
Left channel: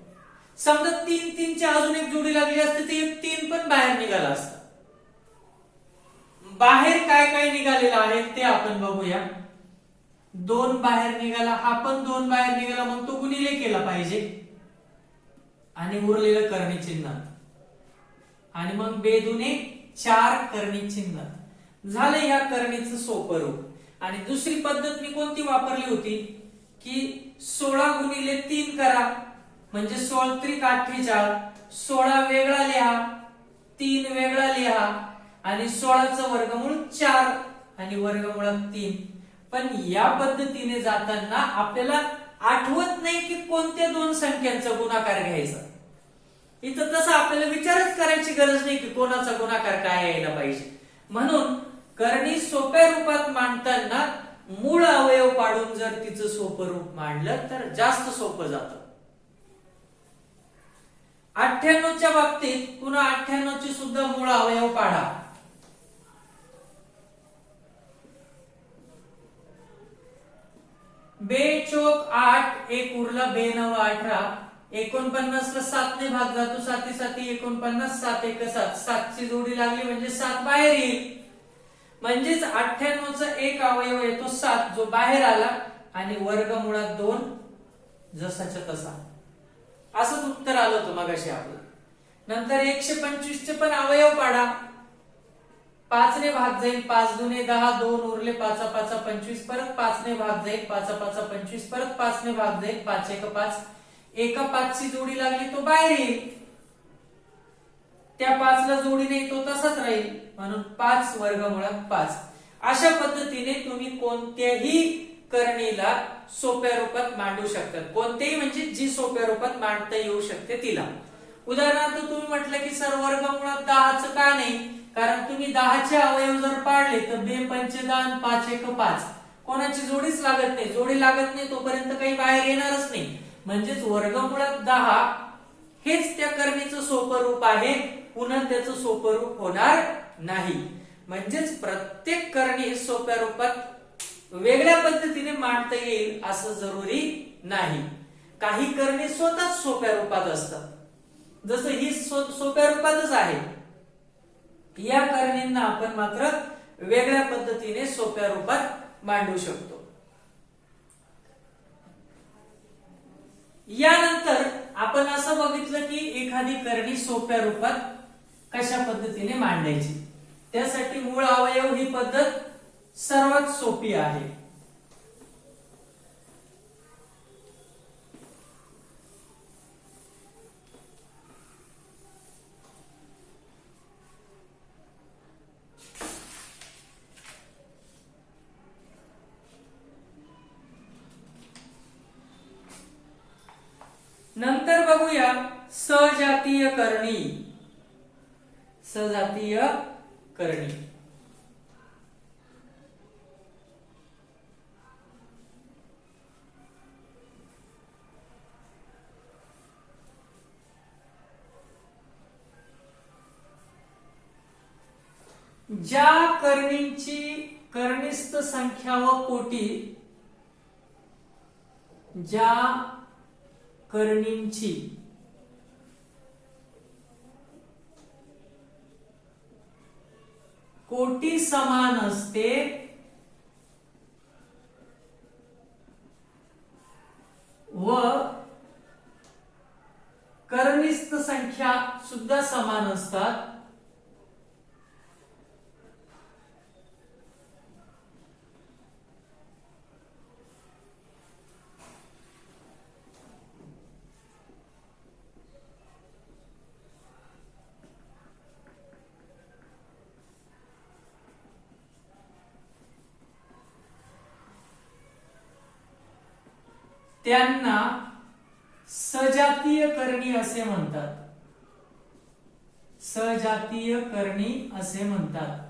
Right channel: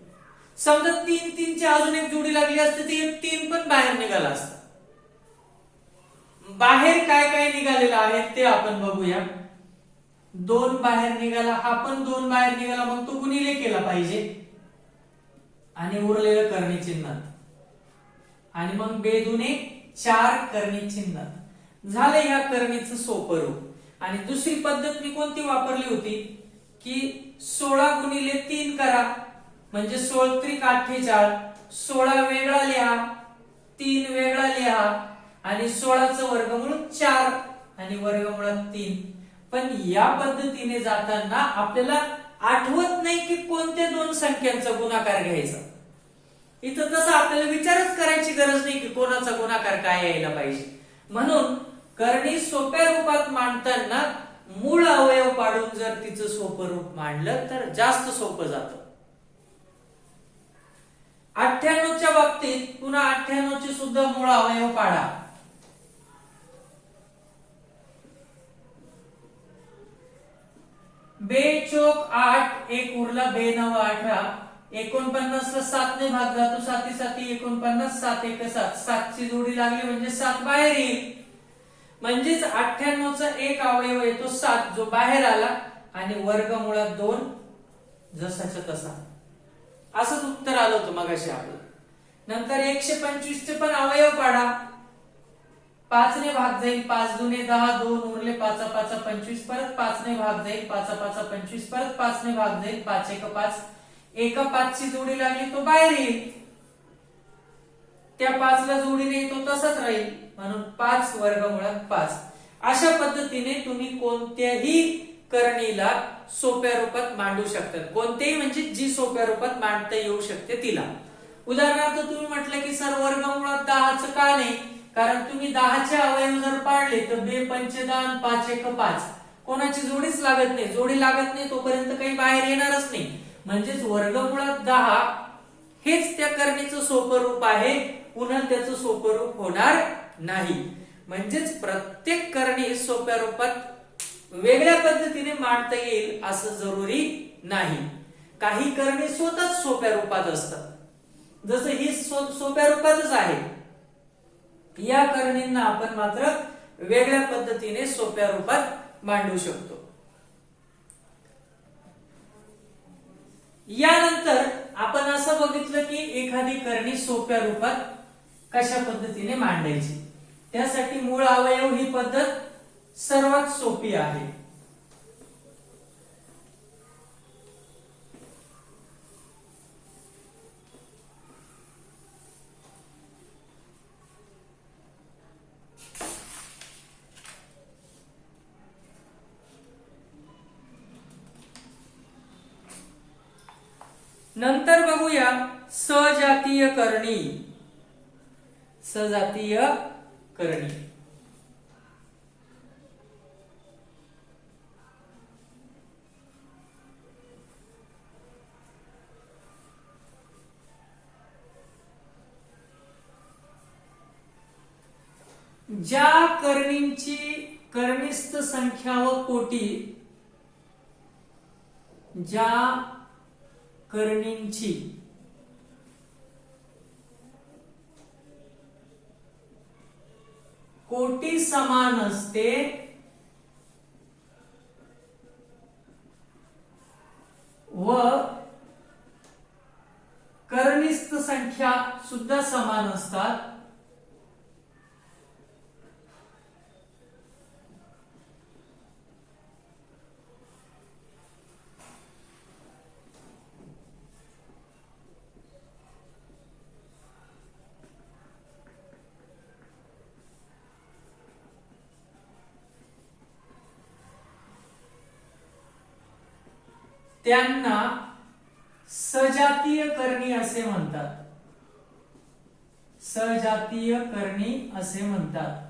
समजा 3 3 ची अजून एक जोडी लागली असते तर एक 3 पण बाहेर निघाला असता. बाहेर काय काय निघालेलं आहे ते आपण बघूया. 2 बाहेर निघाला, हा पण 2 बाहेर निघाला, मग तो गुणिले केला पाहिजे आणि उरलेलं करणी चिन्हात, आणि मग बे दुने 4 करणी चिन्हात. झालं या करणीचं सोपं रूप. आणि दुसरी पद्धत मी कोणती वापरली होती की 16 गुणिले 3 करा, म्हणजे 16 त्रिक 48. 16 वेगळा लिहा, 3 वेगळा लिहा आणि 16चं वर्गमूळ 4 आणि वर्गमुळात 3. पण या पद्धतीने जाताना आपल्याला आठवत नाही की कोणत्या 2 संख्यांचा गुणाकार घ्यायचा. इथं तसं आपल्याला विचारच करायची गरज नाही की कोणाचा गुणाकार काय यायला पाहिजे. म्हणून करणी सोप्या रूपात मांडताना मूळ अवयव पाडून जर तिचं सोपं रूप मांडलं तर जास्त सोपं जातं. 98 च्या बाबतीत पुन्हा 98 चे सुद्धा मूळ अवयव पाडा. बे चौक 8, एक उरला, बे 9 18, 49 ला 7 ने भाग जातो, 7 7 49, 7 1 7, 7 ची जोडी लागली म्हणजे 7 बाहेर येईल. म्हणजेच 98 चा एक अवयव येतो 7, जो बाहेर आला, आणि वर्गमुळात 2 जसाच्या तसा. असंच उत्तर आलं होतं मगाशी आपलं. नंतर 125 चे पण अवयव पाडा. 5 ने भाग जाईल, 5 दुने 10, 2 उरले, 5 5 25, परत 5 ने भाग जाईल, 5 5 25, परत 5 ने भाग जाईल, 5 1 5, एका 5 ची जोडी लागली तो बाहेर येईल, त्या 5 ला जोडीने तो तसाच राहील, म्हणून 5 वर्गमुळात 5. अशा पद्धतीने तुम्ही कोणत्याही करणीला सोप्या रूपात मांडू शकता. कोणतेही म्हणजे जी सोप्या रूपात मांडता येऊ शकते तिला. उदाहरणार्थ तुम्ही म्हटलं की सर वर्गमुळात 10चं का नाही, कारण तुम्ही 10 चे अवयव जर पाडले तर बे पंच 10, 5 1 5, कोणाची जोडीच लागत नाही. जोडी लागत नाही तोपर्यंत काही बाहेर येणारच नाही. म्हणजेच वर्गमुळात 10 हेच त्या करणीचं सोपं रूप आहे, पुन्हा त्याचं सोपं रूप होणार नाही. म्हणजेच प्रत्येक करणी सोप्या रूपात वेगळ्या पद्धतीने मांडता येईल असं जरुरी नाही. काही करणी स्वतःच सोप्या रूपात असतात, जसं ही सोप्या रूपातच आहे. या करणींना आपण मात्र वेगळ्या पद्धतीने सोप्या रूपात मांडू शकतो. यानंतर आपण असं बघितलं की एखादी करणी सोप्या रूपात कशा पद्धतीने मांडायची. त्यासाठी मूळ अवयव ही पद्धत सर्वात सोपी आहे. नंतर बघूया सजातीय करणी. सजातीय करणी ज्या करणींची करणीस्थ संख्या व कोटी, ज्या करणींची कोटी समान असते व करणीस्थ संख्या सुद्धा समान असतात, त्यांना सजातीय करणी असे म्हणतात. सजातीय करणी असे म्हणतात.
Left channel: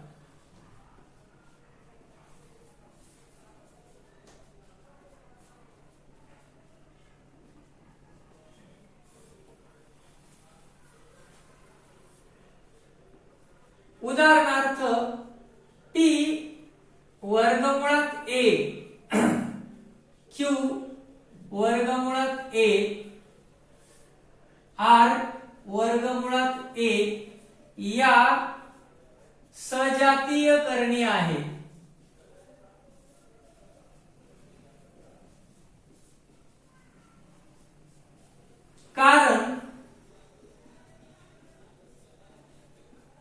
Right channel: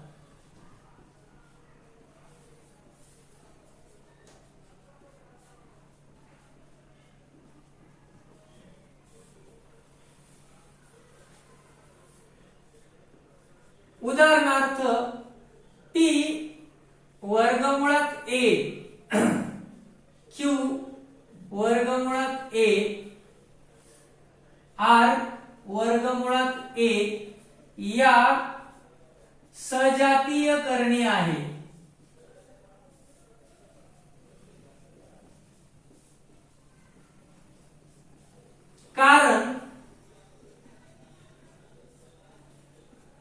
उदाहरणार्थ P वर्गमुळात A Q वर्गमुळात A R वर्गमुळात A या सजातीय करणी आहे. कारण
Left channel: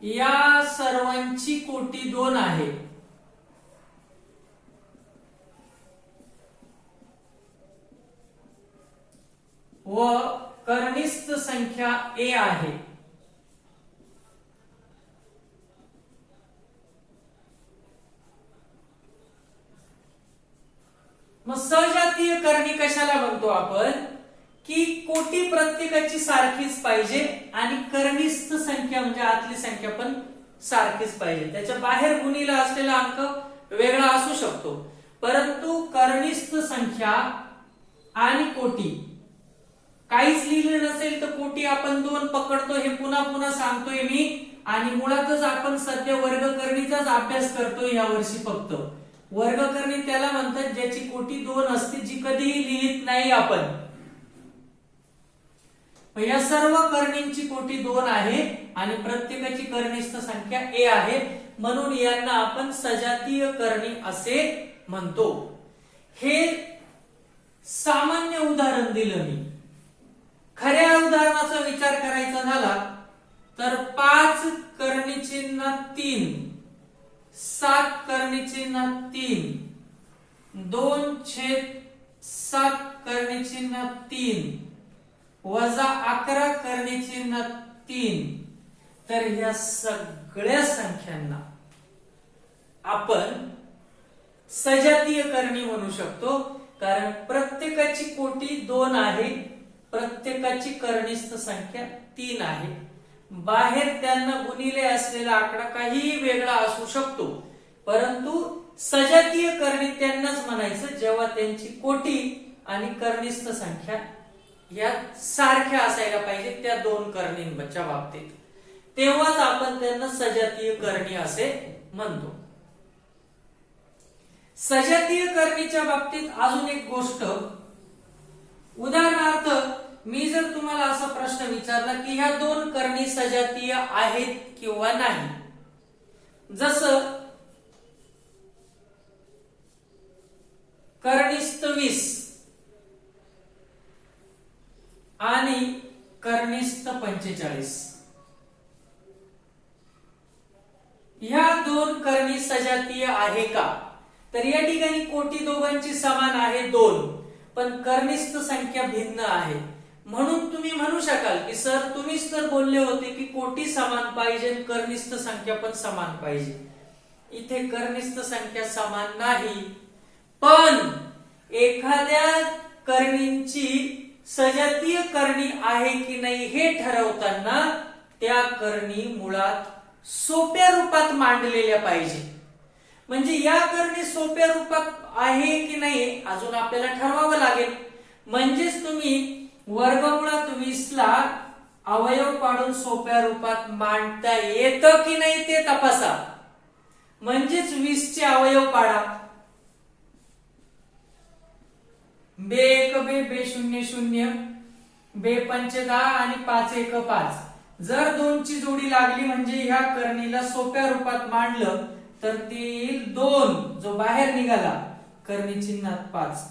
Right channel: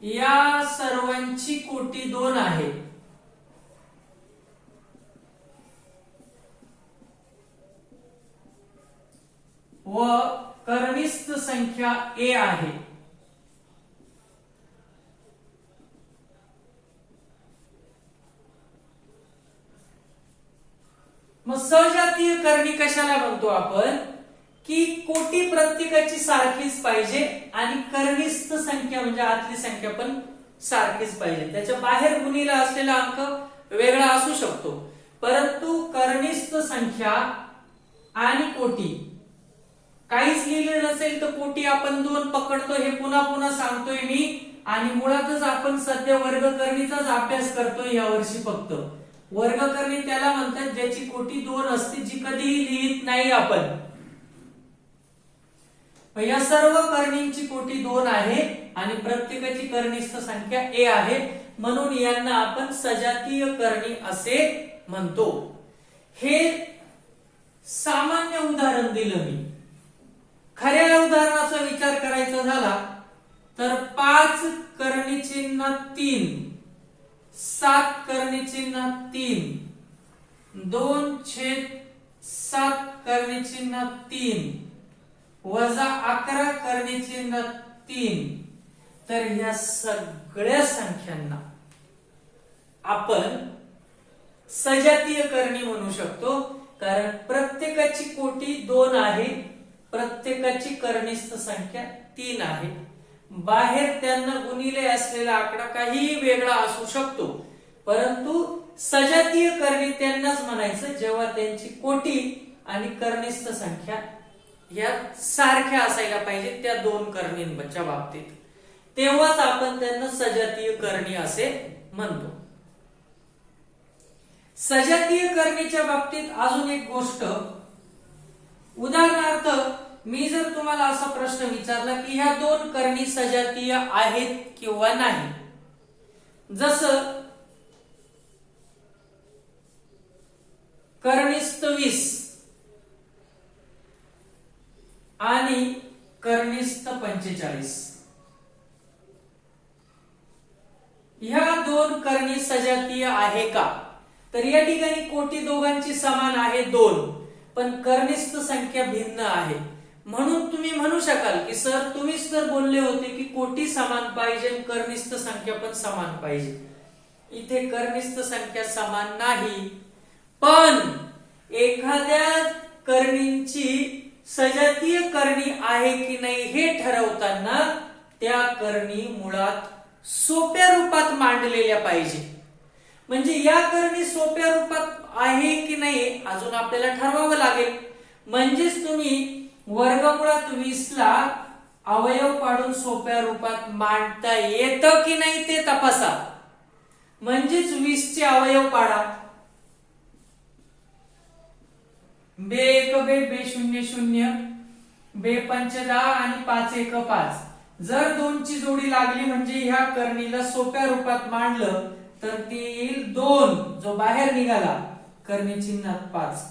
या सर्वांची कोटी 2 आहे. व करणीस्थ संख्या A आहे. मग सजातीय करणी कशाला म्हणतो आपण, की कोटी प्रत्येकाची सारखीच पाहिजे आणि करणीस्थ संख्या म्हणजे आतली संख्या पण सारखीच पाहिजे. त्याच्या बाहेर गुणीला असलेला अंक वेगळा असू शकतो, परंतु करणीस्थ संख्या आणि कोटी काहीच लिहिलं नसेल तर कोटी आपण 2 पकडतो. हे पुन्हा पुन्हा सांगतोय मी, आणि मुळातच आपण सध्या वर्गकरणीचाच अभ्यास करतोय या वर्षी. फक्त वर्गकरणी त्याला म्हणतात ज्याची कोटी 2 असते, जी कधीही लिहित नाही आपण. या सर्व करणींची कोटी 2 आहे आणि प्रत्येकाची करणीस्थ संख्या A आहे, म्हणून यांना आपण सजातीय करणी असे म्हणतो. हे सामान्य उदाहरण दिलं मी. खऱ्या उदाहरणाचा विचार करायचा झाला तर 5 करणी चिन्ह 3, 7 करणी चिन्ह 3, 2/7 करणी चिन्ह 3 वजा 11 करणी चिन्ह 3. तर या सगळ्या संख्यांना आपण सजातीय करणी म्हणू शकतो, कारण प्रत्येकाची कोटी 2 आहे, प्रत्येकाची करणीस्थ संख्या 3 आहे. बाहेर त्यांना गुणिले असलेला आकडा काहीही वेगळा असू शकतो, परंतु सजातीय करणी त्यांनाच म्हणायचं जेव्हा त्यांची कोटी आणि करणीस्थ संख्या या सारख्या असायला पाहिजे त्या 2 करणींच्या बाबतीत, तेव्हाच आपण त्यांना सजातीय करणी असे म्हणतो. सजातीय करणीच्या बाबतीत अजून एक गोष्ट, उदाहरणार्थ मी जर तुम्हाला असा प्रश्न विचारला की ह्या 2 करणी सजातीय आहेत किंवा नाही, जसं करणीस्थ 20 आणि करणीस्थ 45, ह्या 2 करणी सजातीय आहे का? तर या ठिकाणी कोटी दोघांची समान आहे 2, पण करणीस्थ संख्या भिन्न आहे. म्हणून तुम्ही म्हणू शकाल की सर तुम्हीच तर बोलले होते की कोटी समान पाहिजे आणि करणीस्थ संख्या पण समान पाहिजे. इथे करणीस्थ संख्या समान नाही, पण एखाद्या करणींची सजातीय करणी आहे की नाही हे ठरवताना त्या करणी मुळात सोप्या रूपात मांडलेल्या पाहिजे. म्हणजे या करणी सोप्या रूपात आहे की नाही अजून आपल्याला ठरवावं लागेल. म्हणजेच तुम्ही वर्गमुळात 20 ला अवयव पाडून सोप्या रूपात मांडता येतं की नाही ते तपासा. म्हणजेच 20 चे अवयव पाडा. बे 1 बे, बे 0 0, बे 5 10 आणि 5 1 5. जर 2 ची जोडी लागली म्हणजे ह्या करणीला सोप्या रूपात मांडलं तर ती येईल 2, जो बाहेर निघाला करणी चिन्हात 5.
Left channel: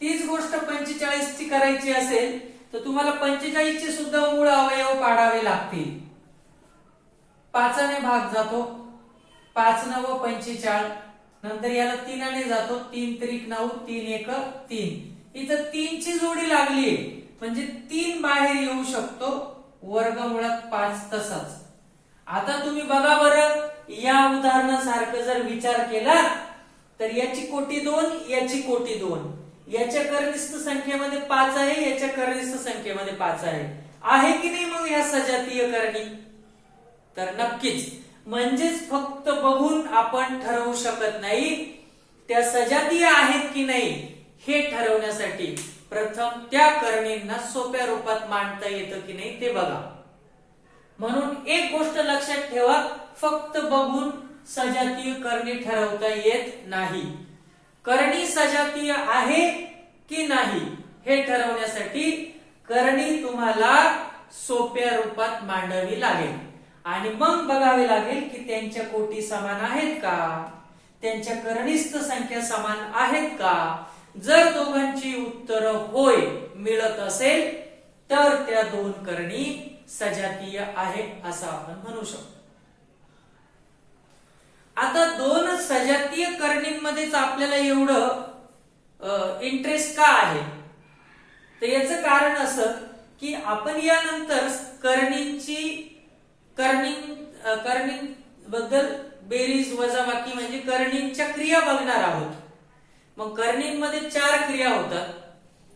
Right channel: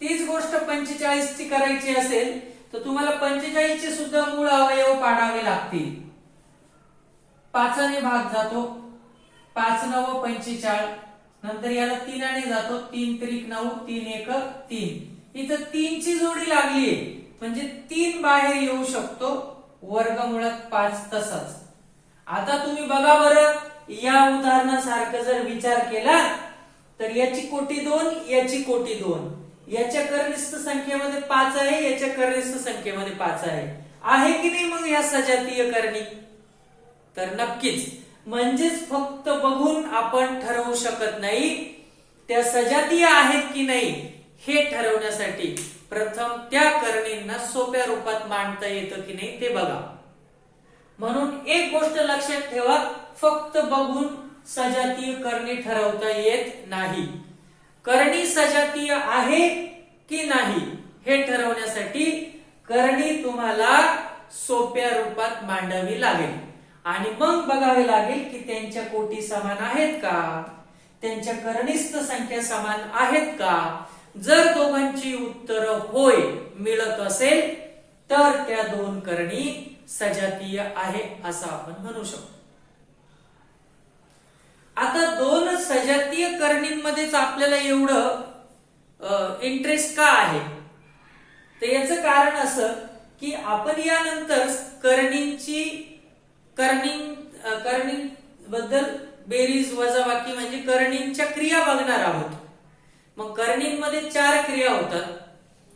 तीच गोष्ट 45 ची करायची असेल तर तुम्हाला 45 चे सुद्धा मूळ अवयव पाडावे लागतील. 5 ने भाग जातो, 5 9 45, नंतर याला 3 ने जातो, 3 त्रिक 9, 3 1 3. इथं 3 ची जोडी लागलीये म्हणजे 3 बाहेर येऊ शकतो, वर्गमुळात 5 तसाच. आता तुम्ही बघा बरं, या उदाहरणासारखं जर विचार केला तर याची कोटी 2, याची कोटी 2, याच्या कर्निस्थ संख्येमध्ये 5 आहे, याच्या कर्निस्थ संख्येमध्ये 5 आहे की नाही मग या सजातीय करणी? तर नक्कीच. म्हणजेच फक्त बघून आपण ठरवू शकत नाही. त्या सजातीय आहेत की नाही हे ठरवण्यासाठी प्रथम त्या करणींना सोप्या रूपात मांडता येतं की नाही ते बघा. म्हणून एक गोष्ट लक्षात ठेवा, फक्त बघून सजातीय करणी ठरवता येत नाही. करणी सजातीय आहे की नाही हे ठरवण्यासाठी करणी तुम्हाला सोप्या रूपात मांडावी लागेल आणि मग बघावे लागेल की त्यांच्या कोटी समान आहेत का, त्यांच्या करणीस्थ संख्या समान आहेत का. जर दोघांची उत्तर होय मिळत असेल तर त्या 2 करणी सजातीय आहे असं आपण म्हणू शकतो. आता 2 सजातीय करणींमध्येच आपल्याला एवढं इंटरेस्ट का आहे, तर याचं कारण असं की आपण यानंतर करणी बद्दल बेरीज वजाबाकी म्हणजे करणींच्या क्रिया बघणार आहोत. मग करणींमध्ये 4 क्रिया होतात,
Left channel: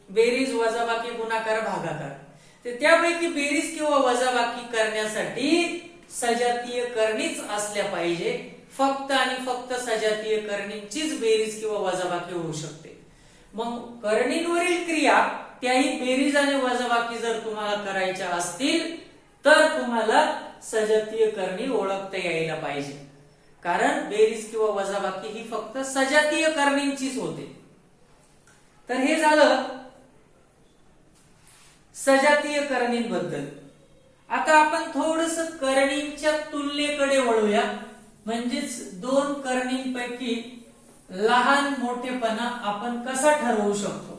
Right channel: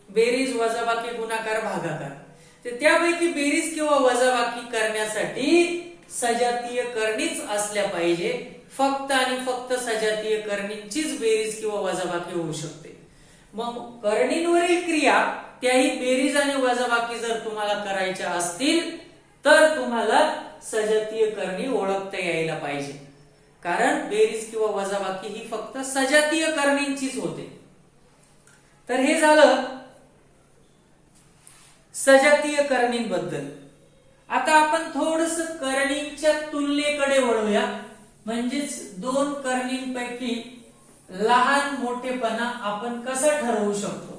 बेरीज वजाबाकी गुणाकार भागाकार. तर त्यापैकी बेरीज किंवा वजाबाकी करण्यासाठी सजातीय करणीच असल्या पाहिजे. फक्त आणि फक्त सजातीय करणींचीच बेरीज किंवा वजाबाकी होऊ शकते. मग करणींवरील क्रिया त्याही बेरीज आणि वजाबाकी जर तुम्हाला करायच्या असतील तर तुम्हाला सजातीय करणी ओळखता यायला पाहिजे. कारण बेरीज किंवा वजाबाकी ही फक्त सजातीय करणींचीच होते. तर हे झालं सजातीय करणींबद्दल. आता आपण थोडस करणींच्या तुलनेकडे वळूया. म्हणजेच 2 करणींपैकी लहान मोठेपणा आपण कसा ठरवू शकतो.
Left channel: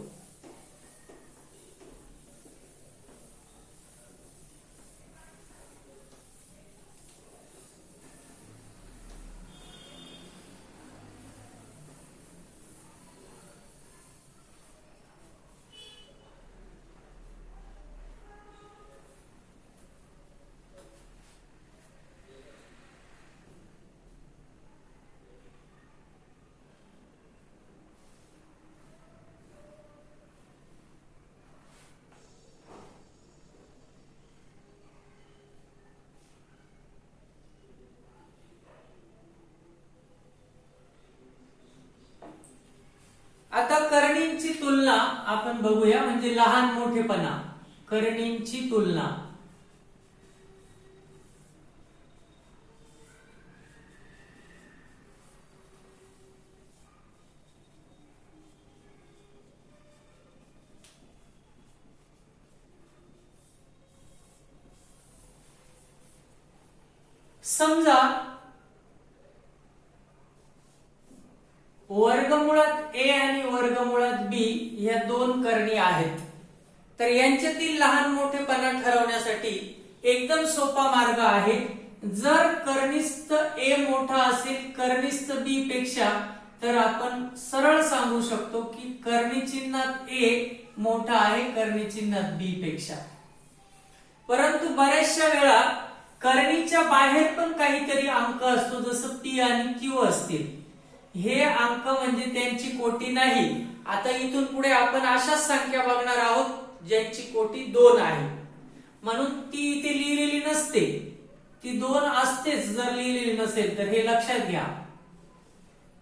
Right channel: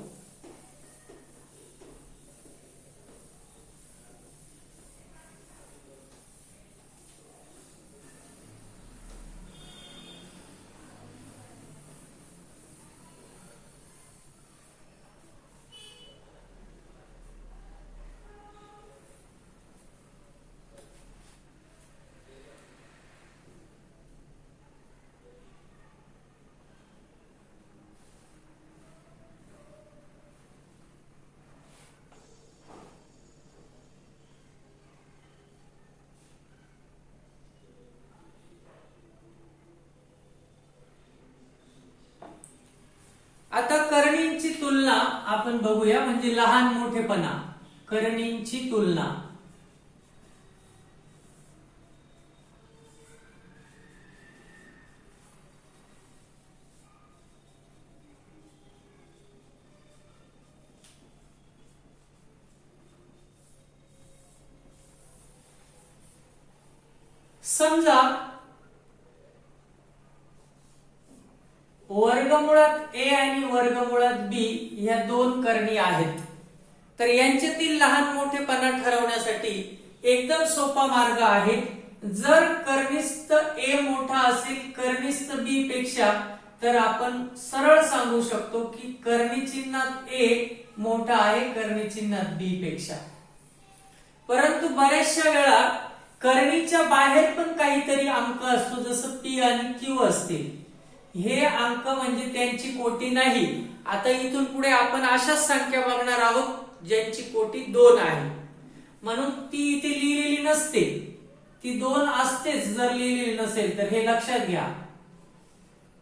आता करणींची तुलना आपण बघूया. म्हणजे लहान मोठेपणा, करणींची तुलना. समजा वर्गमुळात ए आणि वर्गमुळात बी या 2 करणी आहेत. तर यांच्यातील लहान मोठेपणा ठरवण्यासाठी एकदम सोपा मार्ग आहे. जर कर्निस्थ ए मोठा असेल कर्निस्थ बी पेक्षा तर आपण सरळ सांगू शकतो की करणी चिन्हात ए मोठा आहे करणी चिन्हात बी पेक्षा. परंतु बऱ्याचशा वेळा करणीच्या बाहेर पण काहीतरी अंक असतो, जसं पी आणि क्यू असतील. हे अंक म्हणजे त्यांची कोटी नाही आता इथून पुढे आपण अशाच संख्या बघणार आहोत ज्यांची कोटी 2 आहे, म्हणून ती इथे लिहिलेली नसते, ती 2 असतेच जर लिहिलेली नसेल तर, हे लक्षात घ्या.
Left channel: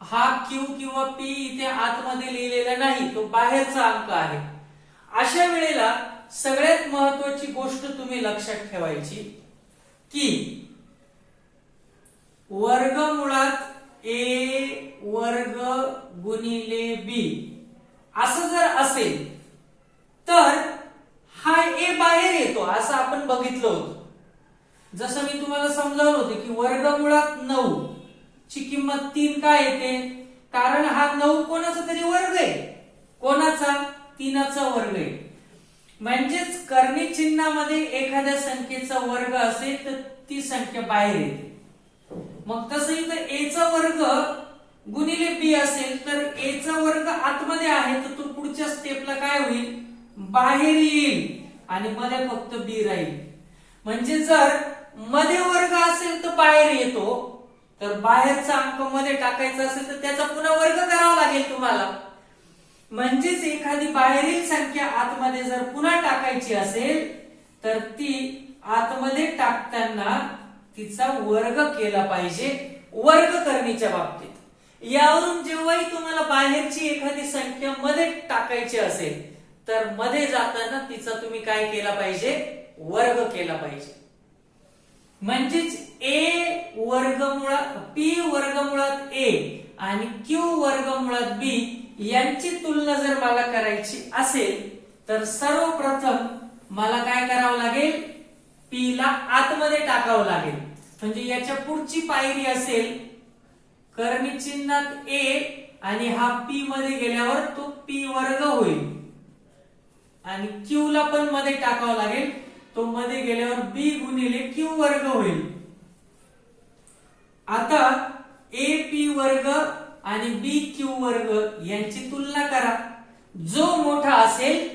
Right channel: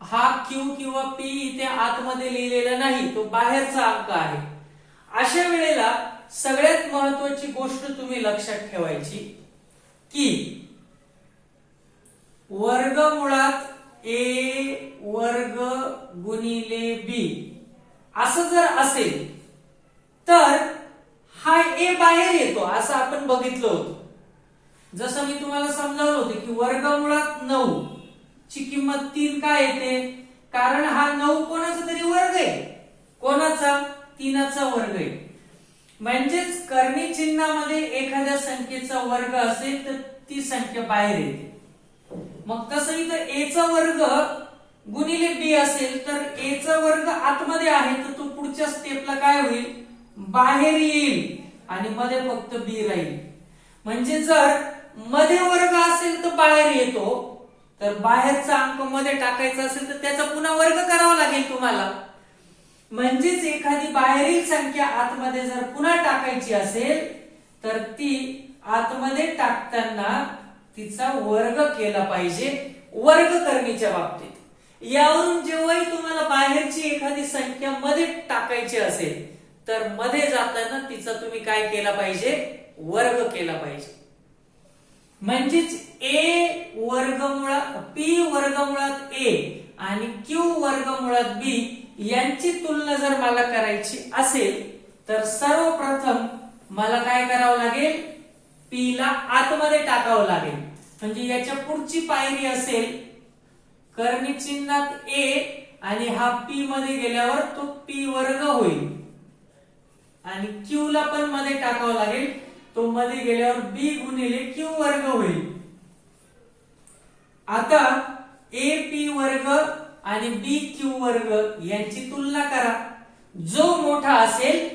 हा क्यू किंवा पी इथे आतमध्ये लिहिलेला नाही, तो बाहेरचा अंक आहे. अशा वेळेला सगळ्यात महत्वाची गोष्ट तुम्ही लक्षात ठेवायची की वर्गमुळात ए वर्ग गुणिले बी असं जर असेल तर हा ए बाहेर येतो, असं आपण बघितलं होतं. जसं मी तुम्हाला समजावलं होतं की वर्गमुळात 9 ची किंमत 3 का येते, कारण हा 9 कोणाचा तरी वर्ग आहे. कोणाचा? 3चा वर्ग आहे. म्हणजेच कर्णी चिन्हामध्ये एखाद्या संख्येचा वर्ग असेल तर ती संख्या बाहेर येते. मग तसं इथं ए चा वर्ग गुणिले बी असेल तर ए चा वर्ग आतमध्ये आहे, तर तो पुढच्या स्टेपला काय होईल, बाहेर येईल आणि मध्ये फक्त बी राहील. म्हणजे जर मध्ये वर्ग असेल तर बाहेर येतो, तर बाहेरचा अंक मध्ये टाकायचा असेल तर त्याचा पुन्हा वर्ग करावा लागेल तुम्हाला. म्हणजेच एखादी बाहेरील संख्या आतमध्ये जर पुन्हा टाकायची असेल तर ती आतमध्ये टाकताना तिचा वर्ग केला पाहिजे वर्ग करणीच्या बाबतीत. यावरून जेव्हाही तुम्हाला बाहेरची एखादी संख्या मध्ये टाकायची असेल तर मध्ये जाताना तिचा तुम्ही काय केला पाहिजे, वर्ग केला पाहिजे. म्हणजेच ए वर्गमुळात पी वर्गमुळात ए आणि क्यू वर्गमुळात बी यांची तुलना जर मला करायची असेल तर सर्वप्रथम मला काय करावं लागेल, पी ला आतमध्ये टाकावं लागेल. म्हणजे याच्या पुढची पायरी असेल कर्णी चिन्हात ए आणि हा पी मध्ये गेल्यावर तो पी वर्ग होईल आणि क्यू ला पण मध्ये टाकावं लागेल, तो मध्ये गेल्यावर बी गुणिले क्यू वर्ग होईल. आता ए पी वर्ग आणि बी क्यू वर्ग यांची तुलना करा, जो मोठा असेल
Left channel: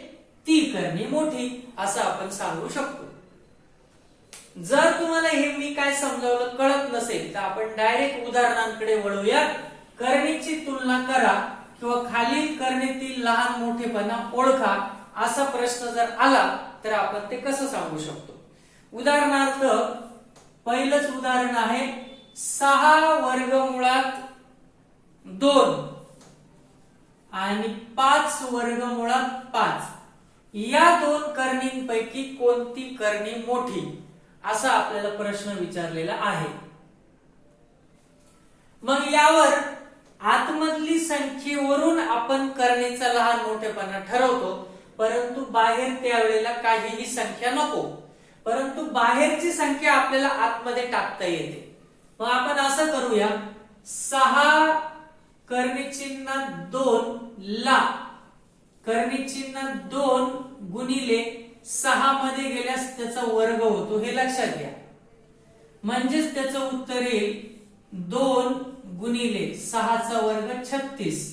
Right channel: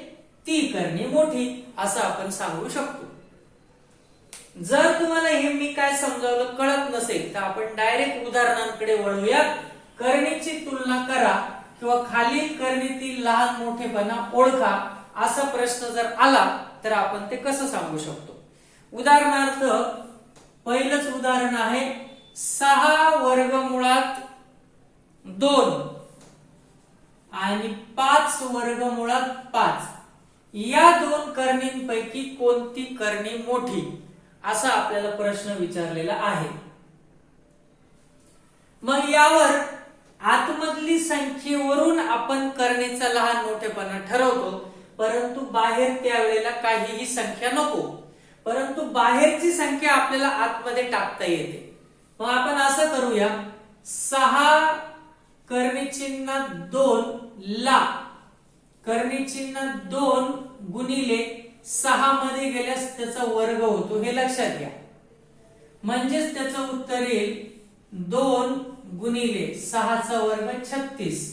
ती करणी मोठी, असं आपण सांगू शकतो. जर तुम्हाला हे मी काय समजावलं कळत नसेल तर आपण डायरेक्ट उदाहरणांकडे वळूया. करणीची तुलना करा किंवा खालील करणीतील लहान मोठेपणा ओळखा असा प्रश्न जर आला तर आपण ते कसं सांगू शकतो. उदाहरणार्थ पहिलंच उदाहरण आहे 6 वर्गमुळात 2 आणि 5 वर्गमुळात 5 या दोन करणींपैकी कोणती करणी मोठी, असा आपल्याला प्रश्न विचारलेला आहे. मग यावर आतमधली संख्येवरून आपण करणीचा लहान मोठेपणा ठरवतो, परंतु बाहेर त्यावेळेला काहीही संख्या नको, परंतु बाहेरची संख्या आपल्याला आतमध्ये टाकता येते. मग आपण असं करूया, 6 कर्णी चिन्ह 2 ला कर्णी चिन्ह 2 गुणिले 6 मध्ये गेल्यास त्याचा वर्ग होतो, हे लक्षात घ्या. म्हणजेच त्याचं उत्तर येईल 2 गुणिले 6 चा वर्ग 36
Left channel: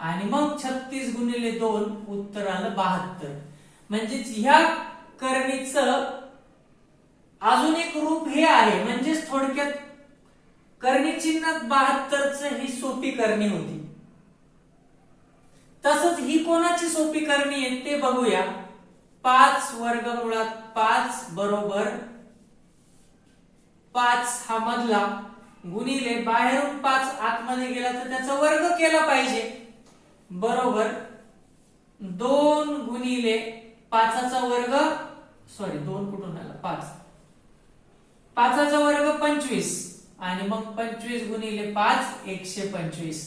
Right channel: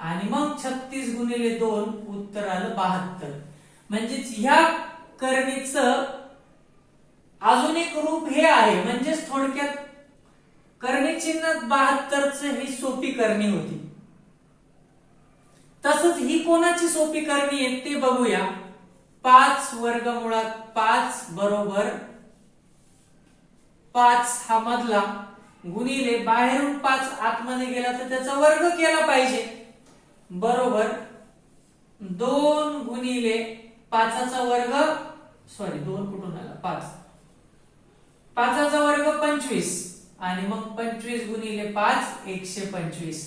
आणि मग 36 गुणिले 2 उत्तर आलं 72. म्हणजेच ह्या करणीचं अजून एक रूप हे आहे. म्हणजेच थोडक्यात करणी चिन्हात 72 ही सोपी करणी होती. तसंच ही कोणाची सोपी करणी आहे ते बघूया. 5 वर्गमुळात 5 बरोबर 5 हा मधला गुणिले बाहेरून 5 आतमध्ये गेला तर त्याचा वर्ग केला पाहिजे, बरोबर 2 गुणिले 5चा वर्ग, सॉरी 2 कुठून आला, 5चा वर्ग 25 आणि मग 25 गुणिले 5 125.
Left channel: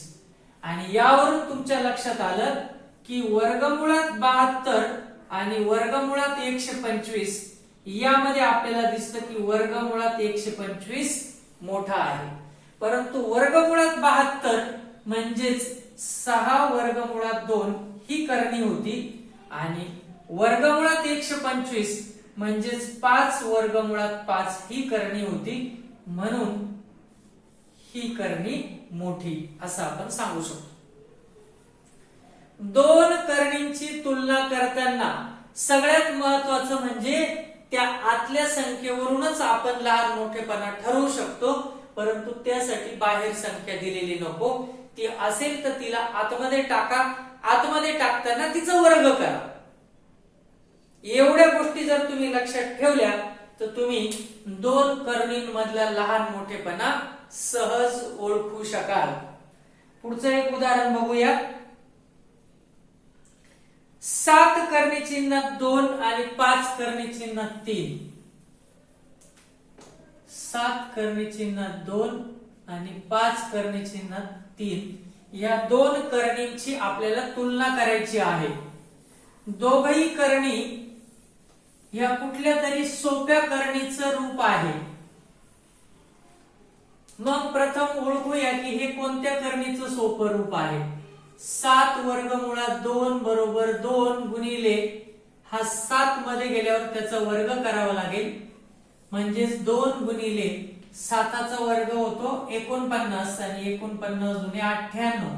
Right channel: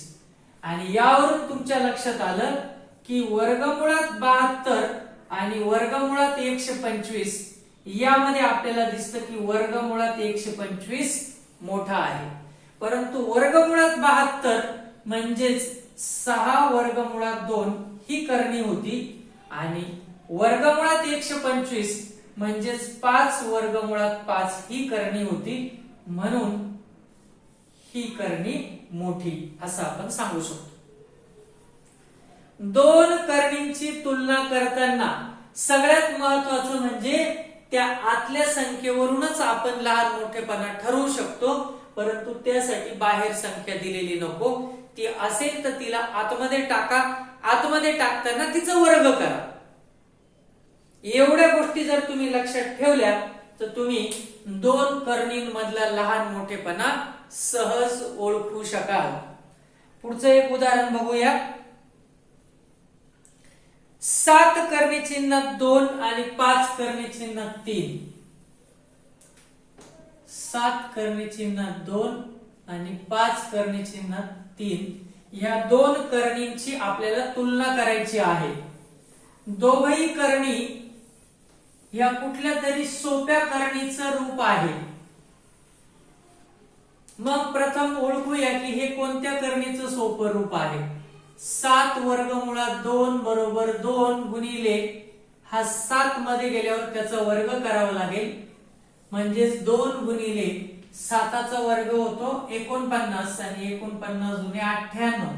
आणि यावरून तुमच्या लक्षात आलं की वर्गमुळात 72 आणि वर्गमुळात 125 यामध्ये आपल्याला दिसतं की वर्गमुळात 125 मोठा आहे. परंतु वर्गमुळात 72 म्हणजेच 6 वर्गमुळात 2 ही करणी होती आणि वर्गमुळात 125 म्हणजेच 5 वर्गमुळात 5 ही करणी होती, म्हणून ही करणी मोठी असं आपण सांगू शकतो. दोन करणींची तुलना करताना सगळ्यात महत्वाचं म्हणजे त्या आतल्या संख्येवरूनच आपण लहान मोठेपणा ठरवू शकतो, परंतु त्यासाठी बाहेर संख्या दिलेली नको, ती असेल तर तिला आतमध्ये टाका, आतमध्ये टाकताना तिचा वर्ग करा. एवढ्या गोष्टी जर तुम्ही लक्षात ठेवल्या तर तुम्ही दोन कर्णींमधला लहान मोठेपणा सहज ओळखू शकाल. पुढचं एक उदाहरण बघूया. 7 कर्णी चिन्ह 2 आणि 5 कर्णी चिन्ह 3. 7 कर्णी चिन्ह 2 आणि 5 कर्णी चिन्ह 3 या दोन कर्णींची आपल्याला तुलना करायची आहे. दोघही कर्णी या कुठल्या तरी सोप्या कर्णीचं रूप आहे. मग प्रथम ओळखूया की हे कोणत्या कर्णीचं सोपं रूप आहे. 7 वर्गमुळात 2 बरोबर 2 गुणिले हा 7 मध्ये गेल्यावर त्याचा वर्ग करावा लागेल. म्हणजेच 2 गुणिले 7चा वर्ग होतो 49 आणि 49 गुणे 98.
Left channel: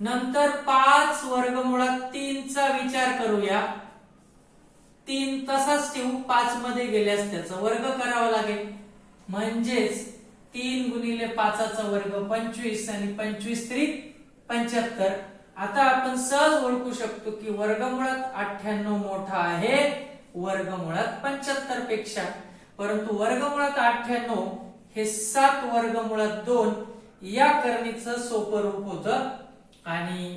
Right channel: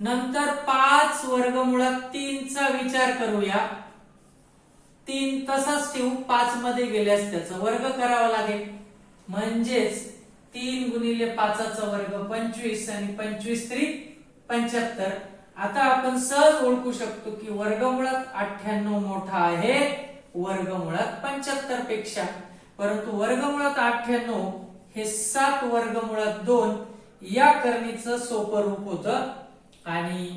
नंतर 5 वर्गमुळात 3 चा विचार करूया. 3 तसाच ठेवू, 5 मध्ये गेल्यास त्याचा वर्ग करावा लागेल. म्हणजेच 3 गुणिले 5चा वर्ग 25 आणि 25 त्रिक 75. आता आपण सहज ओळखू शकतो की वर्गमुळात 98 मोठा आहे वर्गमुळात 75 पेक्षा. परंतु वर्गमुळात 98 हे 7 वर्गमुळात 2 या कर्णीचं सोपं रूप होतं आणि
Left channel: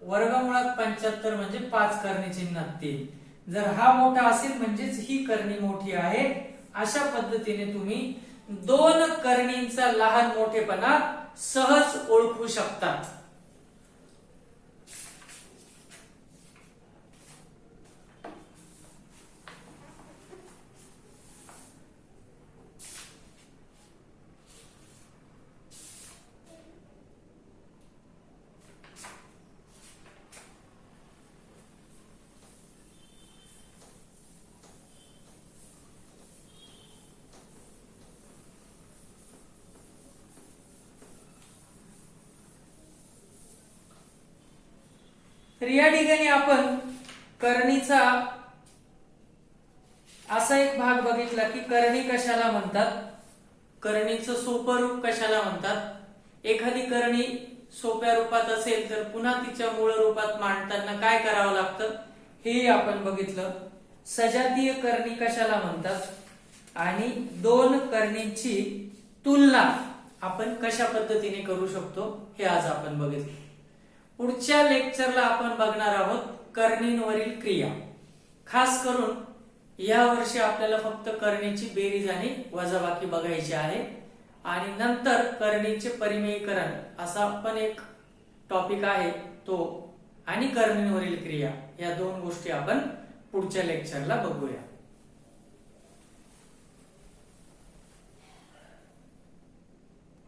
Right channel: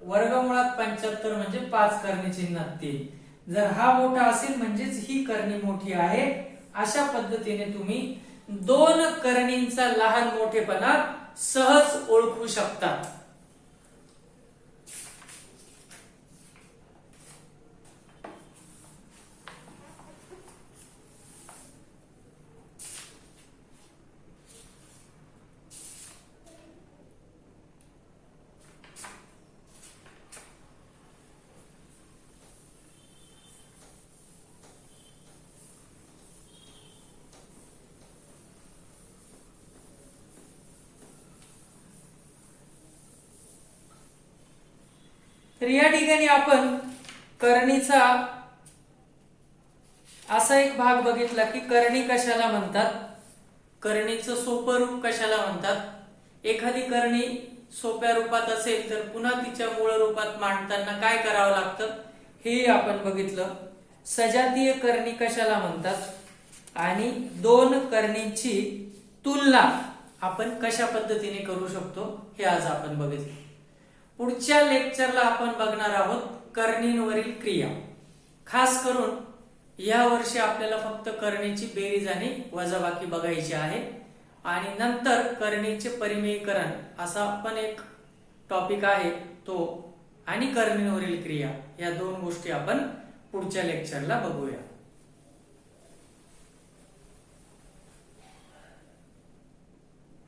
वर्गमुळात 75 म्हणजे 5 कर्णी चिन्ह 3. जर हा मोठा असेल म्हणजेच ही कर्णी मोठी आहे. अशा पद्धतीने तुम्ही दोन कर्णींचा लहान मोठेपणा सहज ओळखू शकता. तर या ठिकाणी आपण कर्णीचा असा एक भाग बघितला की कर्णी कशाला म्हणतात, कर्णीचं सोपं रूप कशाला म्हणतात. एखादी कर्णी सोप्या रूपात असेल तर पुन्हा तिच्या मूळ रूपात मांडताना काय करावं लागतं हे आपण बघितलं. सजातीय कर्णी कशाला म्हणतात आणि दोन कर्णींची तुलना आपण कशा पद्धतीने करू शकतो हे आज आपण बघितलं. पुढच्या लेक्चरला आपण बघणार आहोत कर्णींवरील क्रिया. खास करून या वर्षी आपल्याला फक्त कर्णीची बेरीज आणि वजाबाकी बघायची आहे आणि नंतर कर्णीचे परिमेयीकरण असा पण एक टॉपिक आहे तो आणि कर्णींवरील क्रिया या दोन गोष्टी आपण पुढच्या लेक्चरला बघूया.